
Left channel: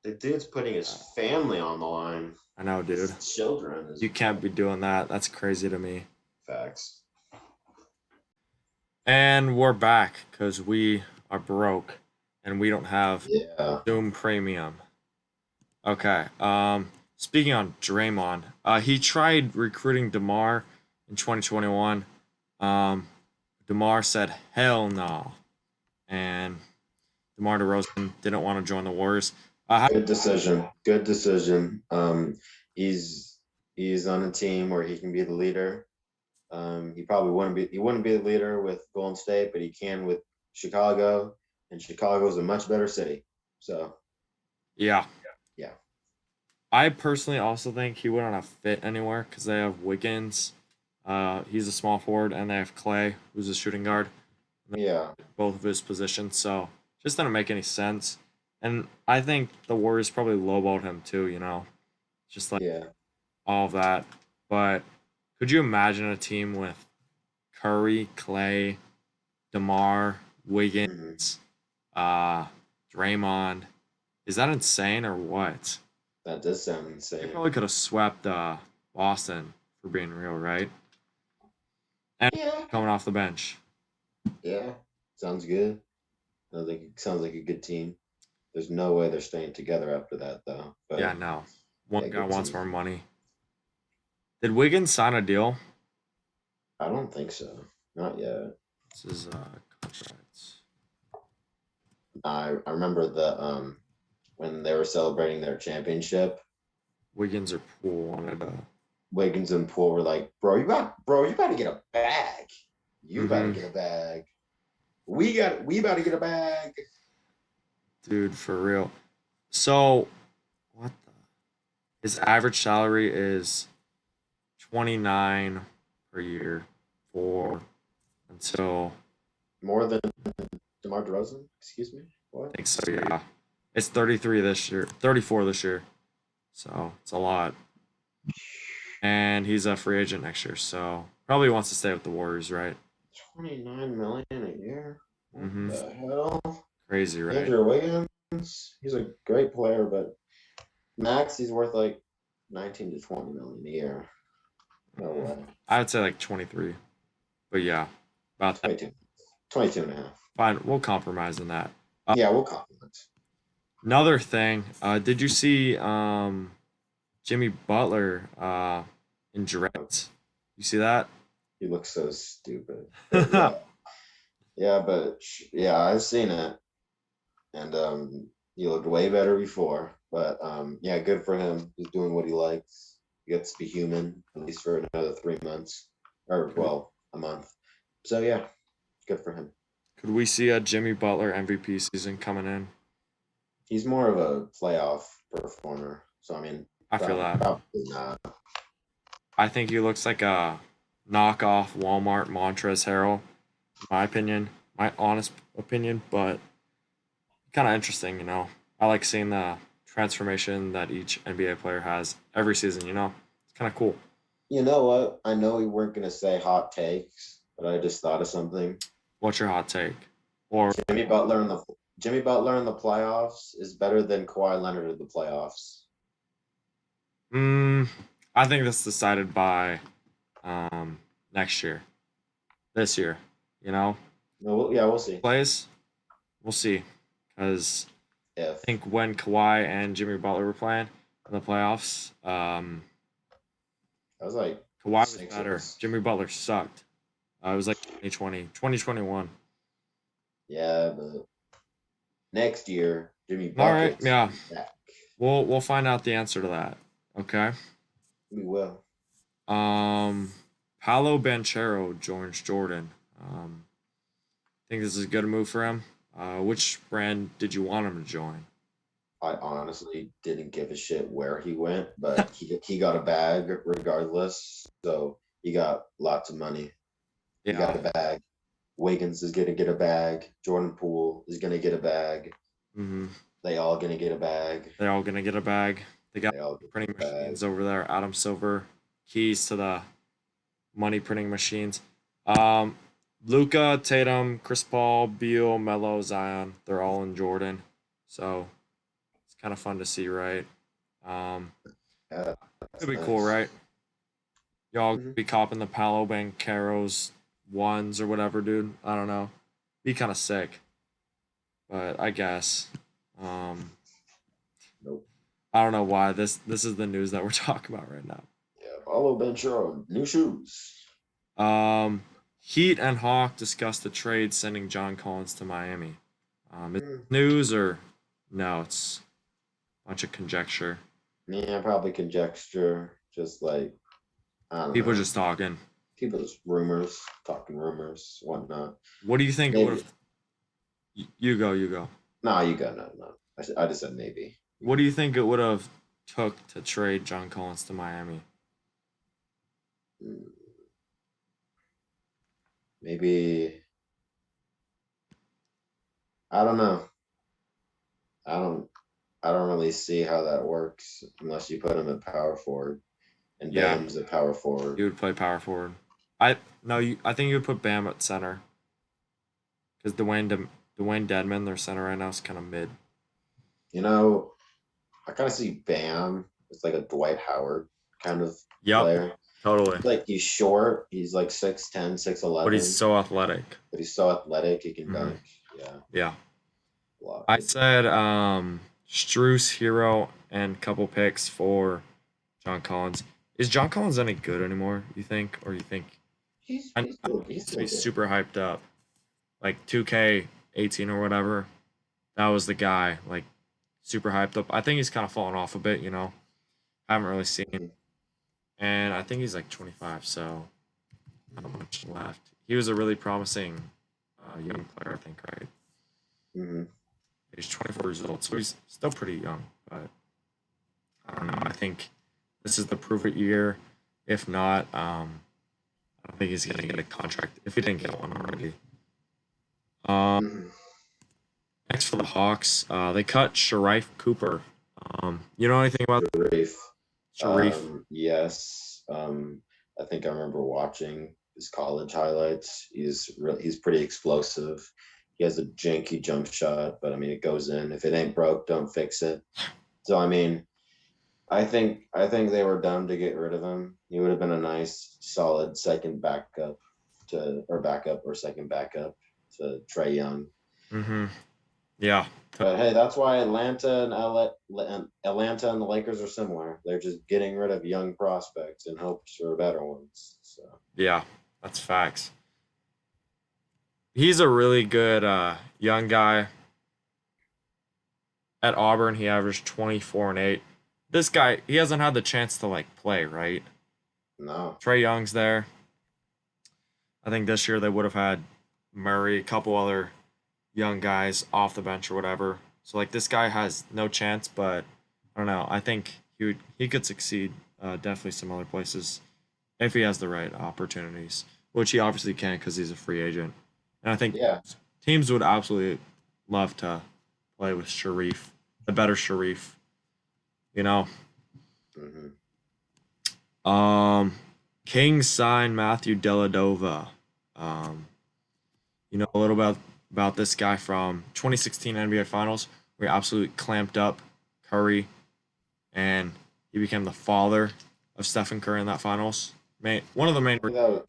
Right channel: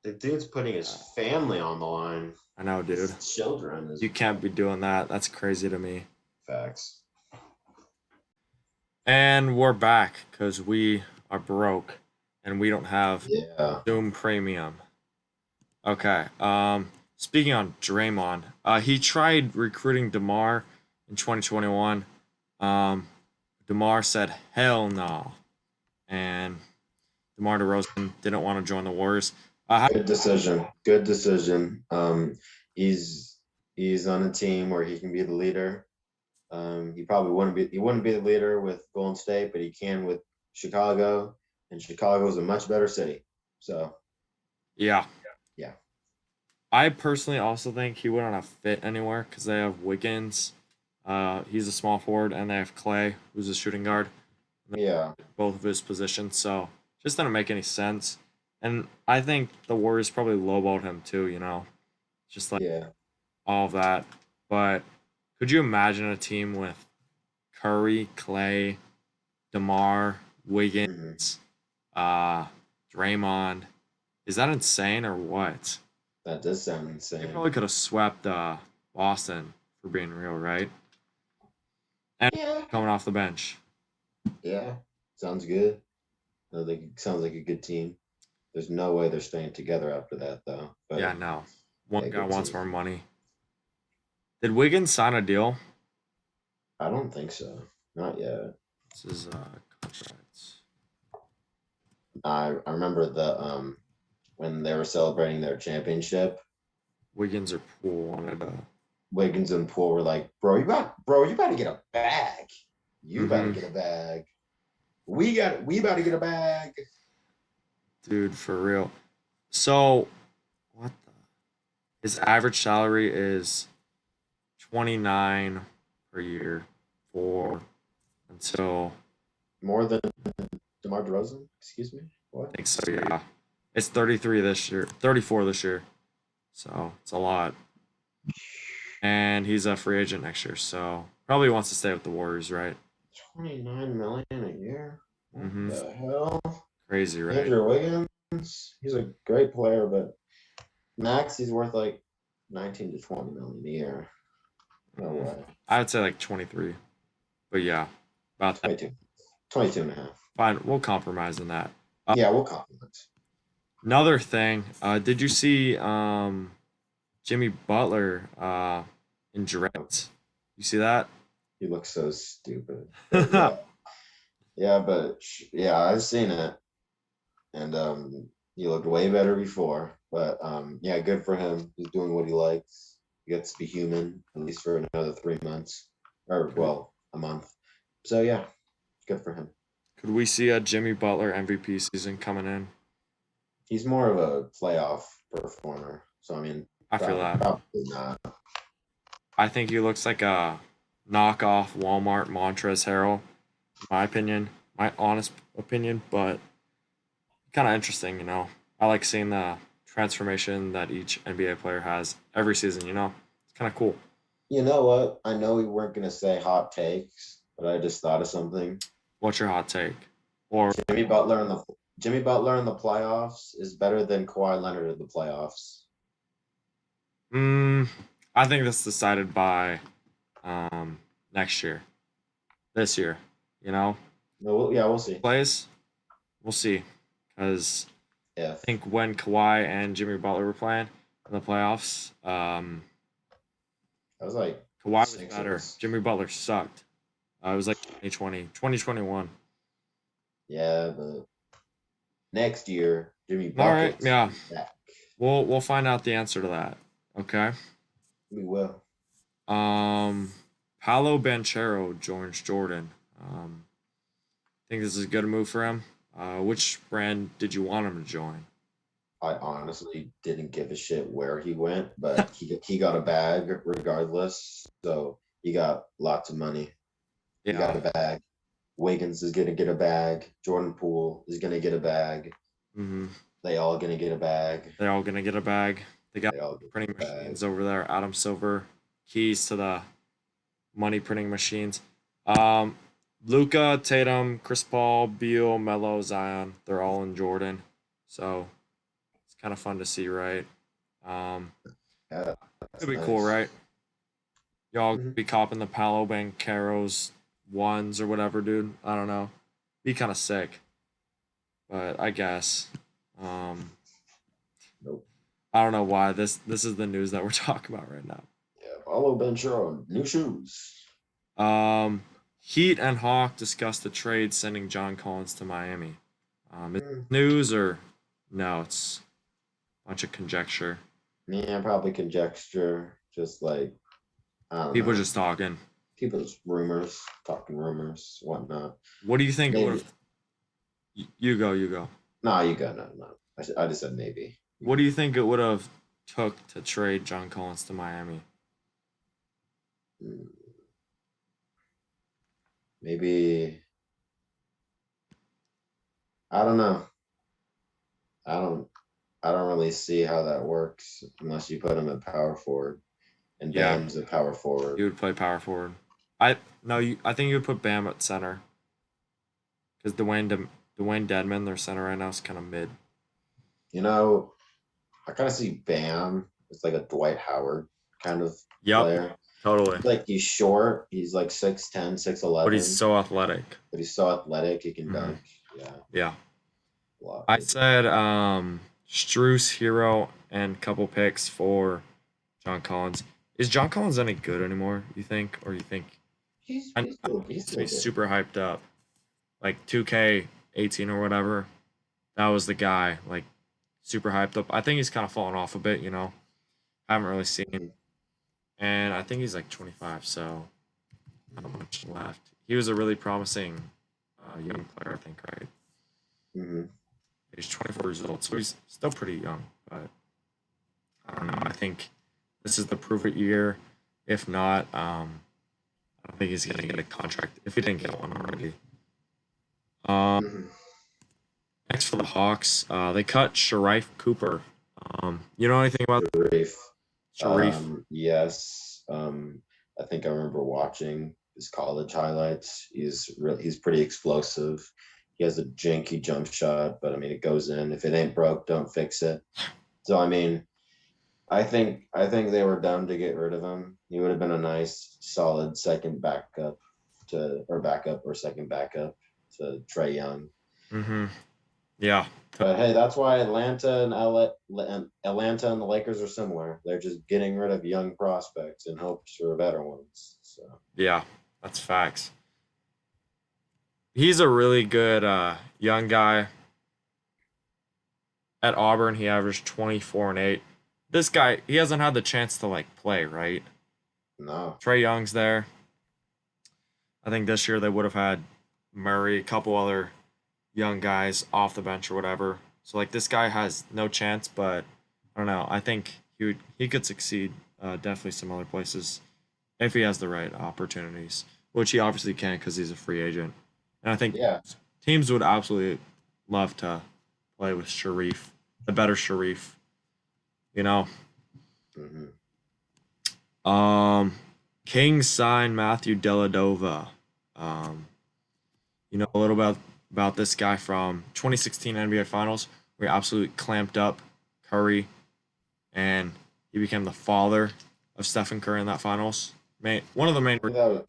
the dude's putting his Uh, family on the line. I know, dude. His children is You can't be doing that. That's crazy to me. facts. And we're back because we are broke and we don't have Yeah. Zoom Premium. Okay. Speaking on Draymond, he tried recruiting DeMar in 2021. Um, DeMar said hell no, and DeMar DeRozan didn't want to join the Warriors. Good decision. Good decision. He's he's on a team where he can be the leader. He wouldn't be the leader with Golden State, but he can with Chicago, and Chicago is a much better city. So Yeah, yeah. I personally also think he wouldn't have fit anywhere because they have Wiggins. He's a small forward, and they have Clay, who's a shooting guard, Yeah. both of his positions. So just didn't make any sense. And I think the Warriors probably lowballed him too. Just like Yeah. all of that. But could you imagine a team with Curry, Clay, DeMar, Hmm. Wiggins, uh, Draymond? Is that insane or what? That does sound They insane. probably could have swept Boston for being real, right? And Yeah. coming off the bench. Yeah. Sounds good. I think it sounds like a good team. There's no way they're staying together after that, though. Yeah, But no. One yeah, guy good wants team. more money. Did Wiggins sign a deal? I don't think so. Not yet. This is contracts. I remember the when they were celebrating their championship, Wiggins or Poole wanted to. Wiggins and Poole were like, you got to get a bag. You got to Mm-hmm. get a bag. We about to get a bag. Dude, for real. So, what the? His average salary is 29 per year for until More than DeMar DeRozan? Excuse me? What? I think so, yeah. It's 33 this year, 34 this year. So, it's a lot. And he's a free agent next year, so probably wants to stay with the Warriors, right? 29 million a year? What Mm-hmm. the hell? Crazy, right? Andrew Wiggins, he's a great player, but max he's worth like 19 to 20 million a year. No Mm, way. I would say like 23. But yeah, about that. 22. 22 and a half. Fine, we'll compromise on that. Yeah, we'll compliment. Another thing, did you see Jimmy Butler in Dreads? You see that? He looks so stupid. But yeah. Yeah, but yeah, I've seen it. And he looked way better before. But yeah, good for him. He's doing what he likes. He gets to be human, at least for another 3 months. Or could, well, a month. So yeah, good for him. could we see a Jimmy Butler MVP season coming in? He's more of a playoff performer. So I mean, I feel that. probably not. I think he looks like a knockoff Walmart Montrezl Harrell, in my opinion, my honest opinion, but kind of interesting. I like seeing the transformation that each NBA player has every season. It's kind of cool. You know what? I know we weren't gonna say hot takes, but I just thought of something. What's your hot take? Or Jimmy Butler in the Jimmy Butler in the playoffs is better than Kawhi Leonard in the playoffs. mm, I think that's decided by next year, this year. You know, No, yeah, we'll see. plays, we'll see, because If I think when Kawhi and Jimmy Butler were playing in the playoffs, I was like Kawhi was better. Sixers. Jimmy Butler sucked. It was like 2020, 2021. Yeah, but next year Jimmy All right, Buckets yeah, is back. we'll find out the answer to that. Okay. We will. Um, Paolo Banchero joins Jordan. Think this is a good move for him. Which brand did you want him to join? I honestly didn't give a shit where he went, but he got a bag regardless. So he got lots of money. He got Yeah. a bag. Wiggins is gonna get a bag. Jordan Poole is gonna get a bag. Hmm. They all gonna get a bag. They're all gonna get a bag. They got They all get printing a bag. machines over there. Adam Silver, keys to the money printing machines. Um, Luca, Tatum, Chris Paul, Beal, Melo, Zion. They're all in Jordan, so it's kind of fun to see, right? Um, Yeah, It'd that's be cool, nice. right? Y'all Mhm. be copping the Palo Banqueros ones or whatever, dude. I don't know. Be kind of sick, but I guess. Um, Nope. I don't know why this is the news that we're talking about right now. Yeah, Paulo Benchero, new shoes. Um, Heat and Hawk discussed the trade sending John Collins to Miami. Is it Mm, news or no? It's a bunch of conjecture. yeah, probably conjecture. Just like I don't People know. just talking. People's rumors, talking rumors, whatnot. What do you think it would Maybe. have? You go, you go. Nah, you got no. I just said maybe. You What do go. you think it would have took to trade John Collins to Miami? Mm. Maybe I don't know. I don't I don't really see how that works unless you put him at power forward and Yeah, Bam's at power forward. you would play power forward. I no, I think you would put Bam at center because Dwayne Dedman, their center right now, is kind of mid. You know, I kind of see Bam as like a Dwight Howard kind of Yep, player. totally. Like he's short, he's like 6'10", But he's 6'11", so athletic. but he's so athletic he can Hmm. dunk. Yeah, Yeah, a lot. I said Struce, Hero, and couple picks for John Collins. Is John Collins any good anymore? You think, or you think? He's I he's still he he's used to still be good. super hyped up, like 2K18 or whatever. That was the guy, like super hyped up. I think he's kind of fallen off a bit, you know. Haven't really seen, Mhm. and I think he's like 25, so not much left. He was a really promising young player, I think, right? Mhm. He's 24 years old, so he's still pretty young, but I don't know. I think this is the prove it year. If not, I don't think he's gonna get a contract if he didn't get one already. Um, Mhm. Next for the Hawks, they cut Sharif Cooper. You know anything about Rafe. Sharif? Yes. I think I remember watching his college highlights. He's pretty explosive. He has a janky jump shot, but I mean it goes in. If it ain't broke, don't fix it. So I mean, I think they were dumb to get rid of him. He would have been a nice, solid second backup or second backup to Trey Young. Mm-hmm. Yeah. But hey, that's why Atlanta and the Lakers are similar. They're just getting rid of young prospects in hopes for better ones. So Yeah, that's facts. He's a really good young guy. At Auburn, he averaged 24 and 8. This guy, he hasn't had the chance to like play, right? no, Trey Young's there. I think this year they would have had Murray, a couple other young guys off the bench or whatever. So like this guy has no chance, but I don't know. I think he could succeed definitely some other places if he has the right opportunities, which he obviously can because he's a free agent. And I think yeah, teams would absolutely love to play with Sharif, the better Sharif. You know, hmm um, Kings signed Matthew Dellavedova. Um, you know a little about this guy from 2016 NBA Finals, where he absolutely clamped up Curry, and he became the father of Stephen Curry in that Finals. One of the main I think that was,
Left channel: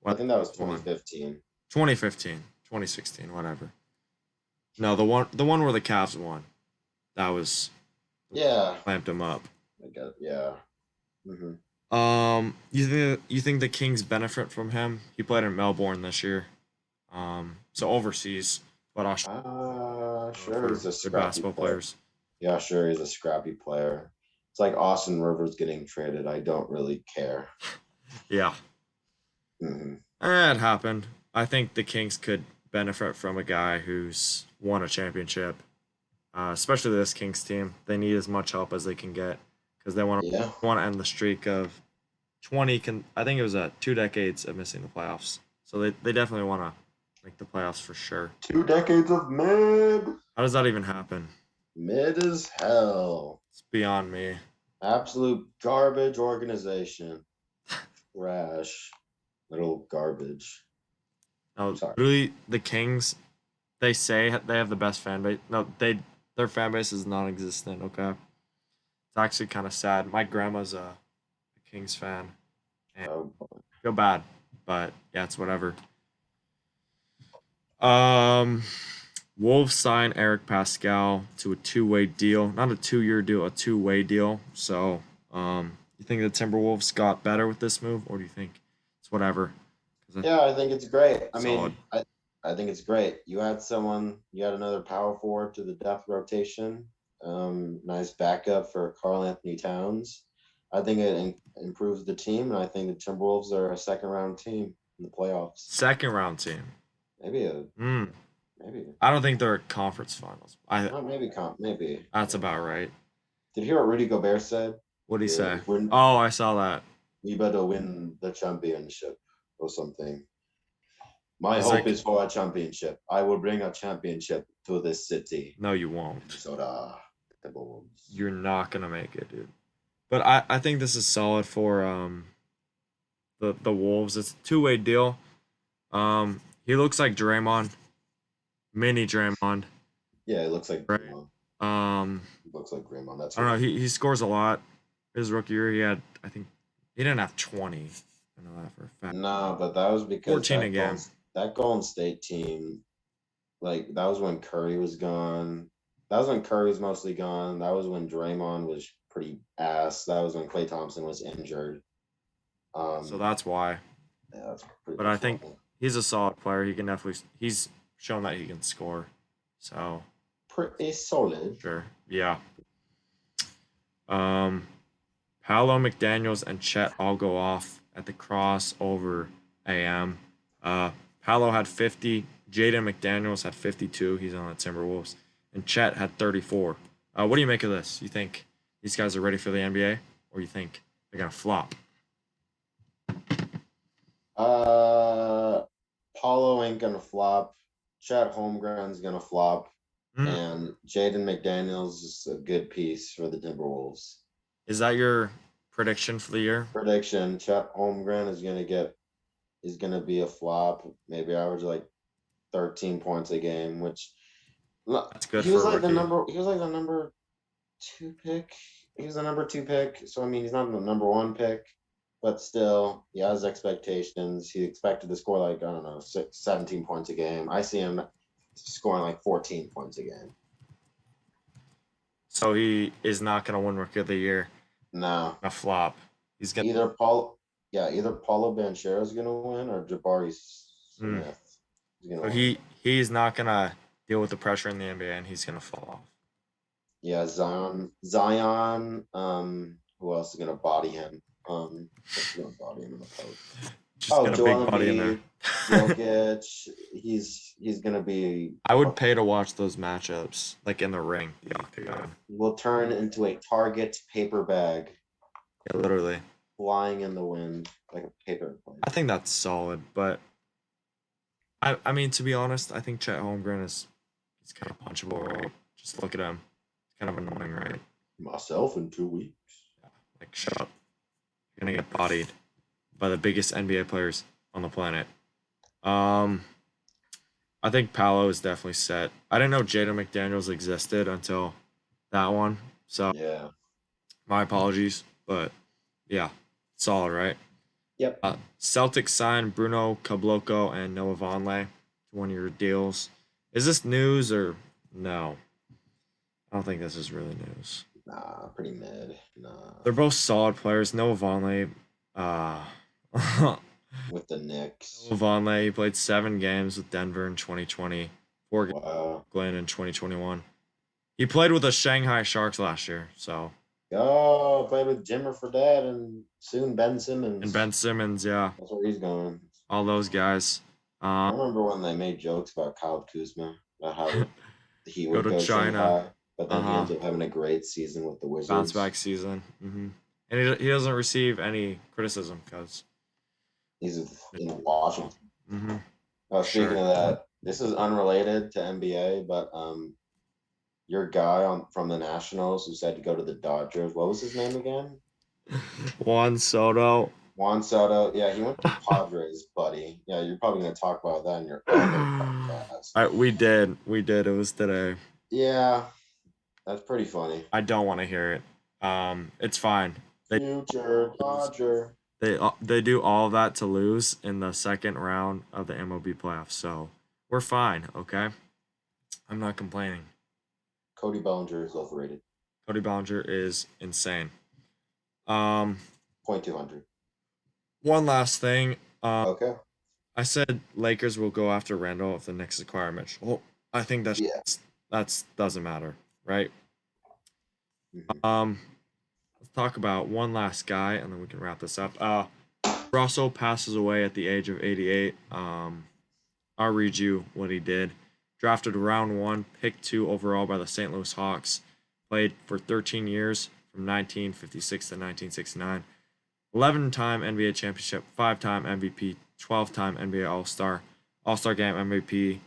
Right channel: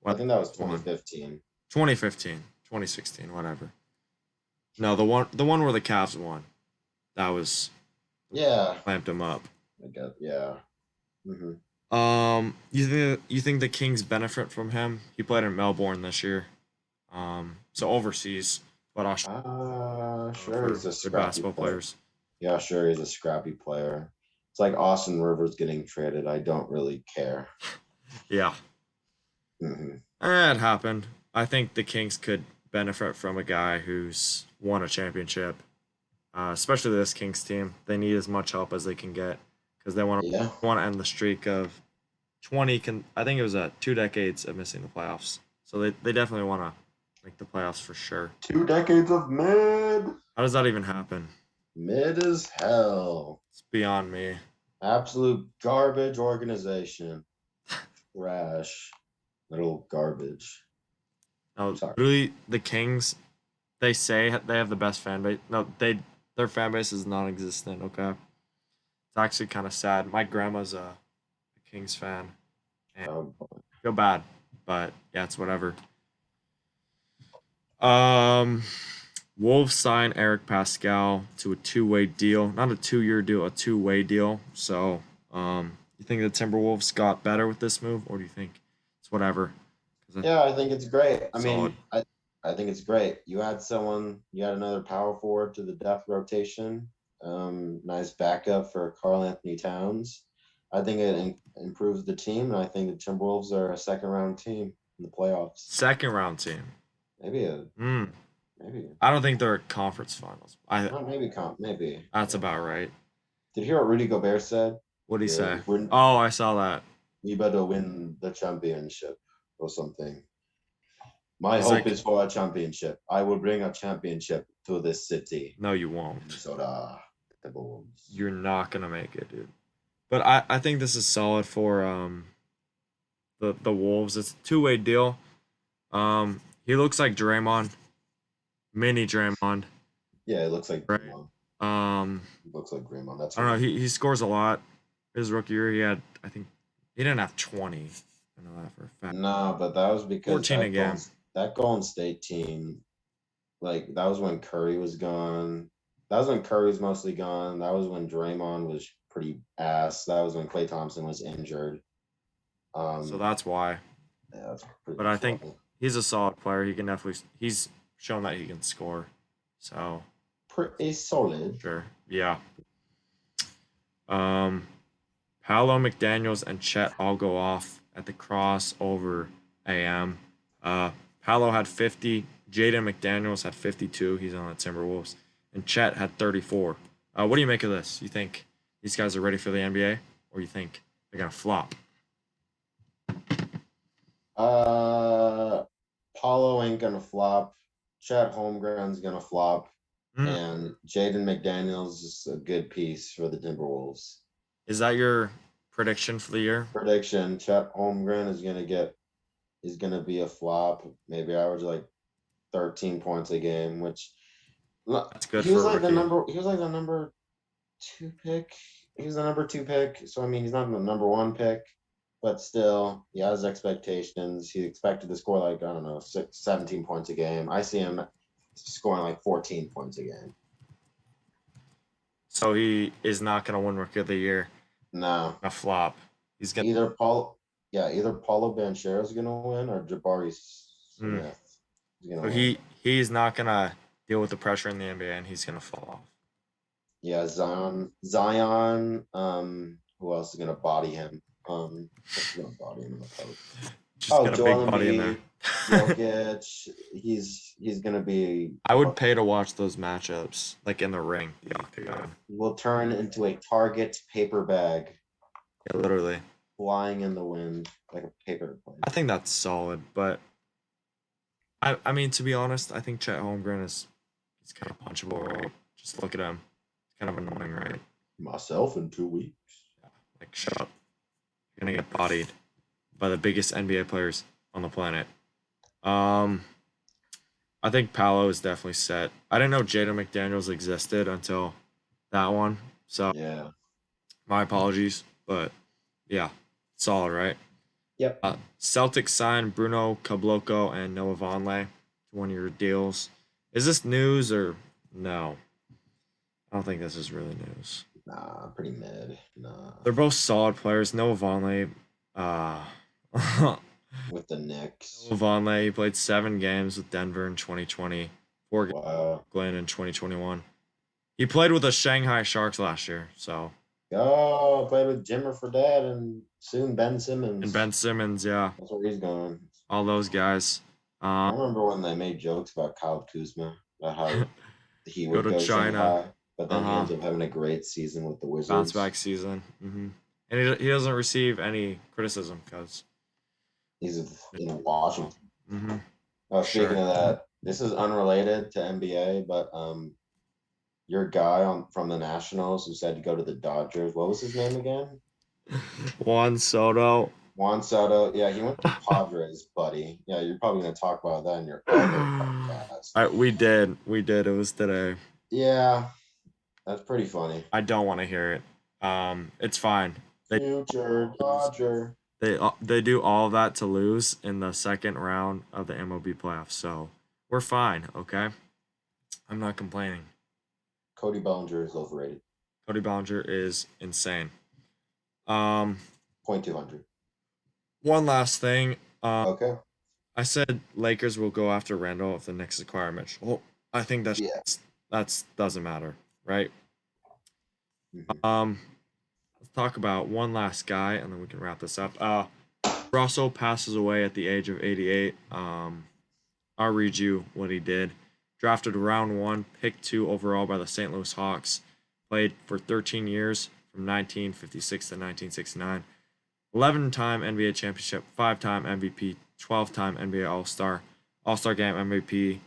why I think that was the won. 2015. 2015, 2016, whatever. No, the one where the Cavs won. That was Yeah, clamped him up. I guess. Yeah. hmm You think the Kings benefit from him? He played in Melbourne this year. So overseas, but Australia Sure, for he's a good scrappy basketball player. players. Yeah, sure, he's a scrappy player. It's like Austin Rivers getting traded. I don't really care. Yeah, hmm it happened. I think the Kings could benefit from a guy who's won a championship, especially this Kings team. They need as much help as they can get because they Yeah. want to end the streak of 20. I think it was 2 decades of missing the playoffs. So they definitely want to make the playoffs for sure. 2 decades of mid. How does that even happen? Mid as hell. It's beyond me. Absolute garbage organization. Trash. Little garbage. No, Sorry. literally, the Kings. They say they have the best fan base. No, their fan base is non-existent. Okay, it's actually kind of sad. My grandma's a Kings fan, and Oh, I feel bad, but yeah, it's whatever. Um, Wolves sign Eric Pascal to a two-way deal, not a 2-year deal, a two-way deal. So, you think the Timberwolves got better with this move, or do you think it's whatever? Because yeah, I think it's great. I solid. mean, I think it's great. You had another power forward to the depth rotation. Nice backup for Carl Anthony Towns. I think it improves the team, and I think the Timberwolves are a second round team in the playoffs. Second round team. Maybe a Hmm. maybe I don't think they're conference finals. not maybe maybe. That's about right. Did you hear what Rudy Gobert said? What'd he Yeah, say? Oh, I saw that. we better win the championship or something. My He's hope like, is for a championship. I will bring a championship to this city, no, you won't. Minnesota Timberwolves. You're not gonna make it, dude. But I think this is solid for the Wolves. It's a two-way deal. He looks like Draymond, mini Draymond, Yeah, it looks like right? Draymond. Um, It looks like Draymond. That's I don't know. right. He scores a lot. His rookie year, he had, I think, he didn't have 20. I know that for a fact. Nah, but that was because 14 a game. That Golden State team, like that was when Curry was gone. That was when Curry was mostly gone. That was when Draymond was pretty ass. That was when Klay Thompson was injured. So Um, that's why. yeah, that's pretty But I much think why. he's a solid player. He can definitely. He's shown that he can score. So Pretty solid. sure, yeah. Um, Paolo McDaniel's and Chet all go off at the crossover AM. Paolo had 50. Jaden McDaniels had 52. He's on the Timberwolves, and Chet had 34. What do you make of this? You think these guys are ready for the NBA, or you think they're gonna flop? Uh, Paulo ain't gonna flop. Chet Holmgren's gonna flop, Mm. and Jaden McDaniels is a good piece for the Timberwolves. Is that your prediction for the year? Prediction: Chet Holmgren is gonna be a flop. Maybe average like 13 points a game, which That's good he was for a like rookie. he was like the number 2 pick. He was the number 2 pick. So I mean he's not the number 1 pick, but still he has expectations. He expected to score like, I don't know, 17 points a game. I see him scoring like 14 points a game. So he is not gonna win rookie of the year. No. A flop. He's gonna. Either Paulo Banchero is gonna win or Jabari Mm. Smith is gonna So win. he's not gonna deal with the pressure in the NBA, and he's gonna fall off. Yeah, Zion. Who else is gonna body him? Who's gonna body him in the post? Just got a big Joel body in there. Embiid, Jokic. He's gonna be. I would pay to watch those matchups, like in the ring, the octagon. Will turn into a target paper bag Yeah, literally. flying in the wind like a paper plane. I think that's solid, but I mean, to be honest, I think Chet Holmgren he's kind of punchable, right? Just look at him. It's kind of annoying, right? Myself in 2 weeks. Like, shut up. You're gonna get bodied by the biggest NBA players on the planet. I think Paolo is definitely set. I didn't know Jaden McDaniels existed until that one, so Yeah. my apologies. But yeah, solid, right? Yep. Celtics signed Bruno Caboclo and Noah Vonleh to one-year deals. Is this news or no? I don't think this is really news. Nah, pretty mid. Nah. They're both solid players. Noah Vonleh, uh, With the Knicks. Noah Vonleh, he played 7 games with Denver in 2020, 4 games Wow. with Glenn in 2021. He played with the Shanghai Sharks last year, so. Oh, played with Jimmer Fredette and soon Ben Simmons. And Ben Simmons, yeah, That's where he's going. all those guys. I remember when they made jokes about Kyle Kuzma, about how he Go would to go China. Shanghai, but then he Uh-huh. ends up having a great season with the Wizards. Bounce back season. And he doesn't receive any criticism because He's in Washington. Speaking of that, this is unrelated to NBA, but your guy from the Nationals who said to go to the Dodgers, what was his name again? Juan Soto. Juan Soto. Yeah, he went to Padres, buddy. Yeah, you're probably going to talk about that in your podcast. We did. It was today. Yeah, that's pretty funny. I don't want to hear it. It's fine. Future Dodger. They do all of that to lose in the second round of the MLB playoffs, so we're fine. Okay, I'm not complaining. Cody Bellinger is overrated. Cody Bellinger is insane. .200. One last thing. Okay. I said Lakers will go after Randall if the Knicks acquire Mitchell. Well, I think that's doesn't matter, right? Mm-hmm. Let's talk about one last guy, and then we can wrap this up. Russell passes away at the age of 88. I'll read you what he did. Drafted round 1, pick 2 overall by the St. Louis Hawks. Played for 13 years from 1956 to 1969. 11-time NBA championship, 5-time MVP, 12-time NBA All-Star, All-Star Game MVP,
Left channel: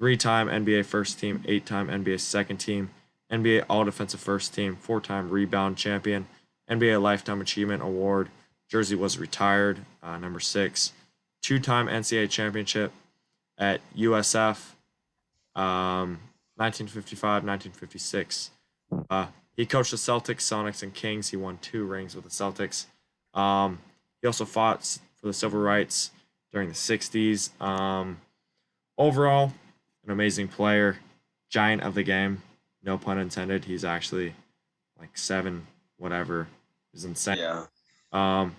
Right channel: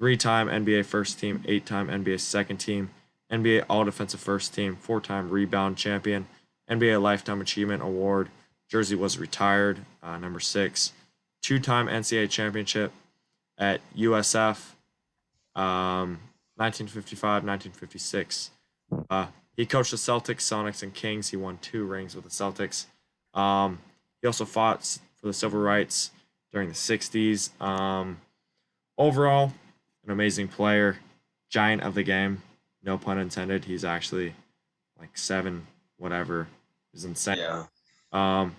3-time NBA first team, 8-time NBA second team, NBA All-Defensive First Team, 4-time rebound champion, NBA Lifetime Achievement Award. Jersey was retired, number 6. 2-time NCAA championship at USF, 1955, 1956. He coached the Celtics, Sonics, and Kings. He won 2 rings with the Celtics. He also fought for the civil rights during the 60s. Overall, an amazing player, giant of the game. No pun intended. He's actually like 7, whatever. He's insane. Yeah.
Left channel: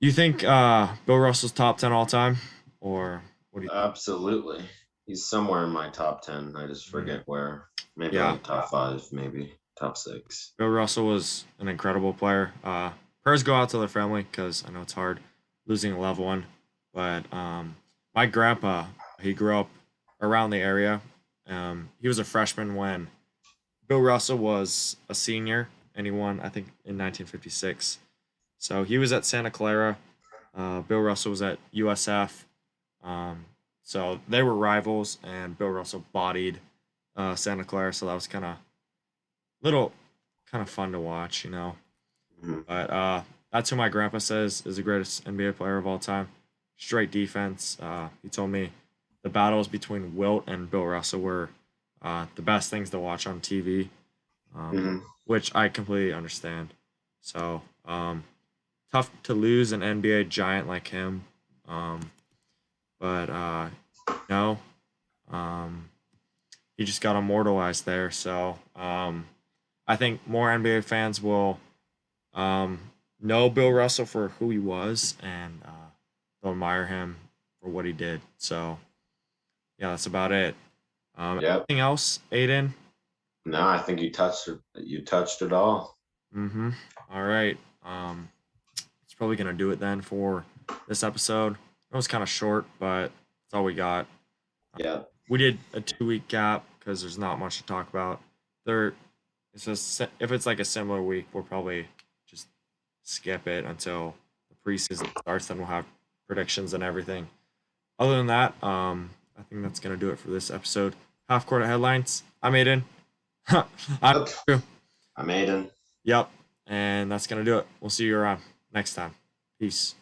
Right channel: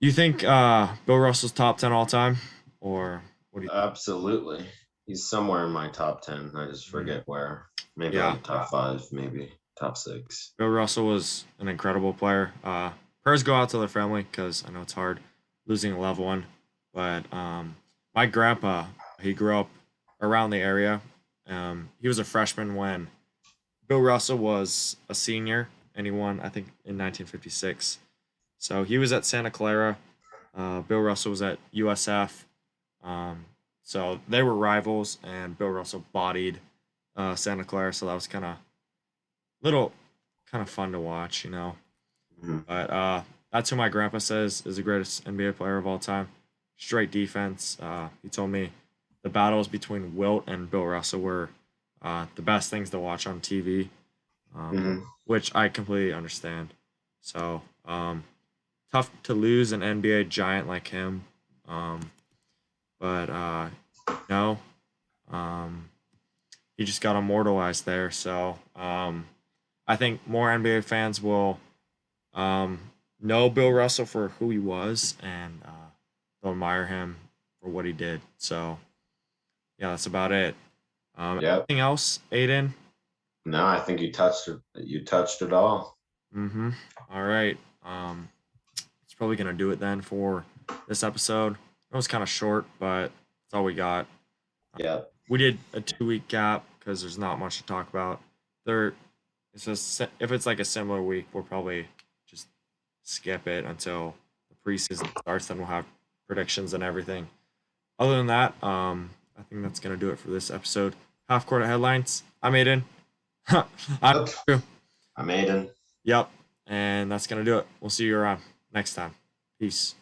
You think Bill Russell's top 10 all time, or what do you? Absolutely. He's somewhere in my top 10. I just forget where. Maybe like top 5, maybe top 6. Bill Russell was an incredible player. Prayers go out to their family because I know it's hard losing a loved one. But my grandpa, he grew up around the area. He was a freshman when Bill Russell was a senior, and he won, I think, in 1956. So he was at Santa Clara. Bill Russell was at USF. So they were rivals, and Bill Russell bodied Santa Clara. So that was kind of fun to watch, you know. Mhm. But that's who my grandpa says is the greatest NBA player of all time. Straight defense. He told me the battles between Wilt and Bill Russell were the best things to watch on TV, which I completely understand. So tough to lose an NBA giant like him. But no, he just got immortalized there. So I think more NBA fans will know Bill Russell for who he was, and they'll admire him for what he did. So yeah, that's about it. Yep. Anything else, Aiden? No, I think you touched it. You touched it all. Mm-hmm. All right. It's probably gonna do it then for this episode. It was kind of short, but that's all we got. Yeah. We did a 2-week gap because there's not much to talk about. It's just if it's like a similar week, we'll probably just skip it until the preseason starts. Then we'll have predictions and everything. Other than that, I think that's gonna do it for this episode. Half court headlines. I'm Aiden. I'm Yep. Drew. I'm Aidan. Yep, and that's gonna do it. We'll see you around next time. Peace.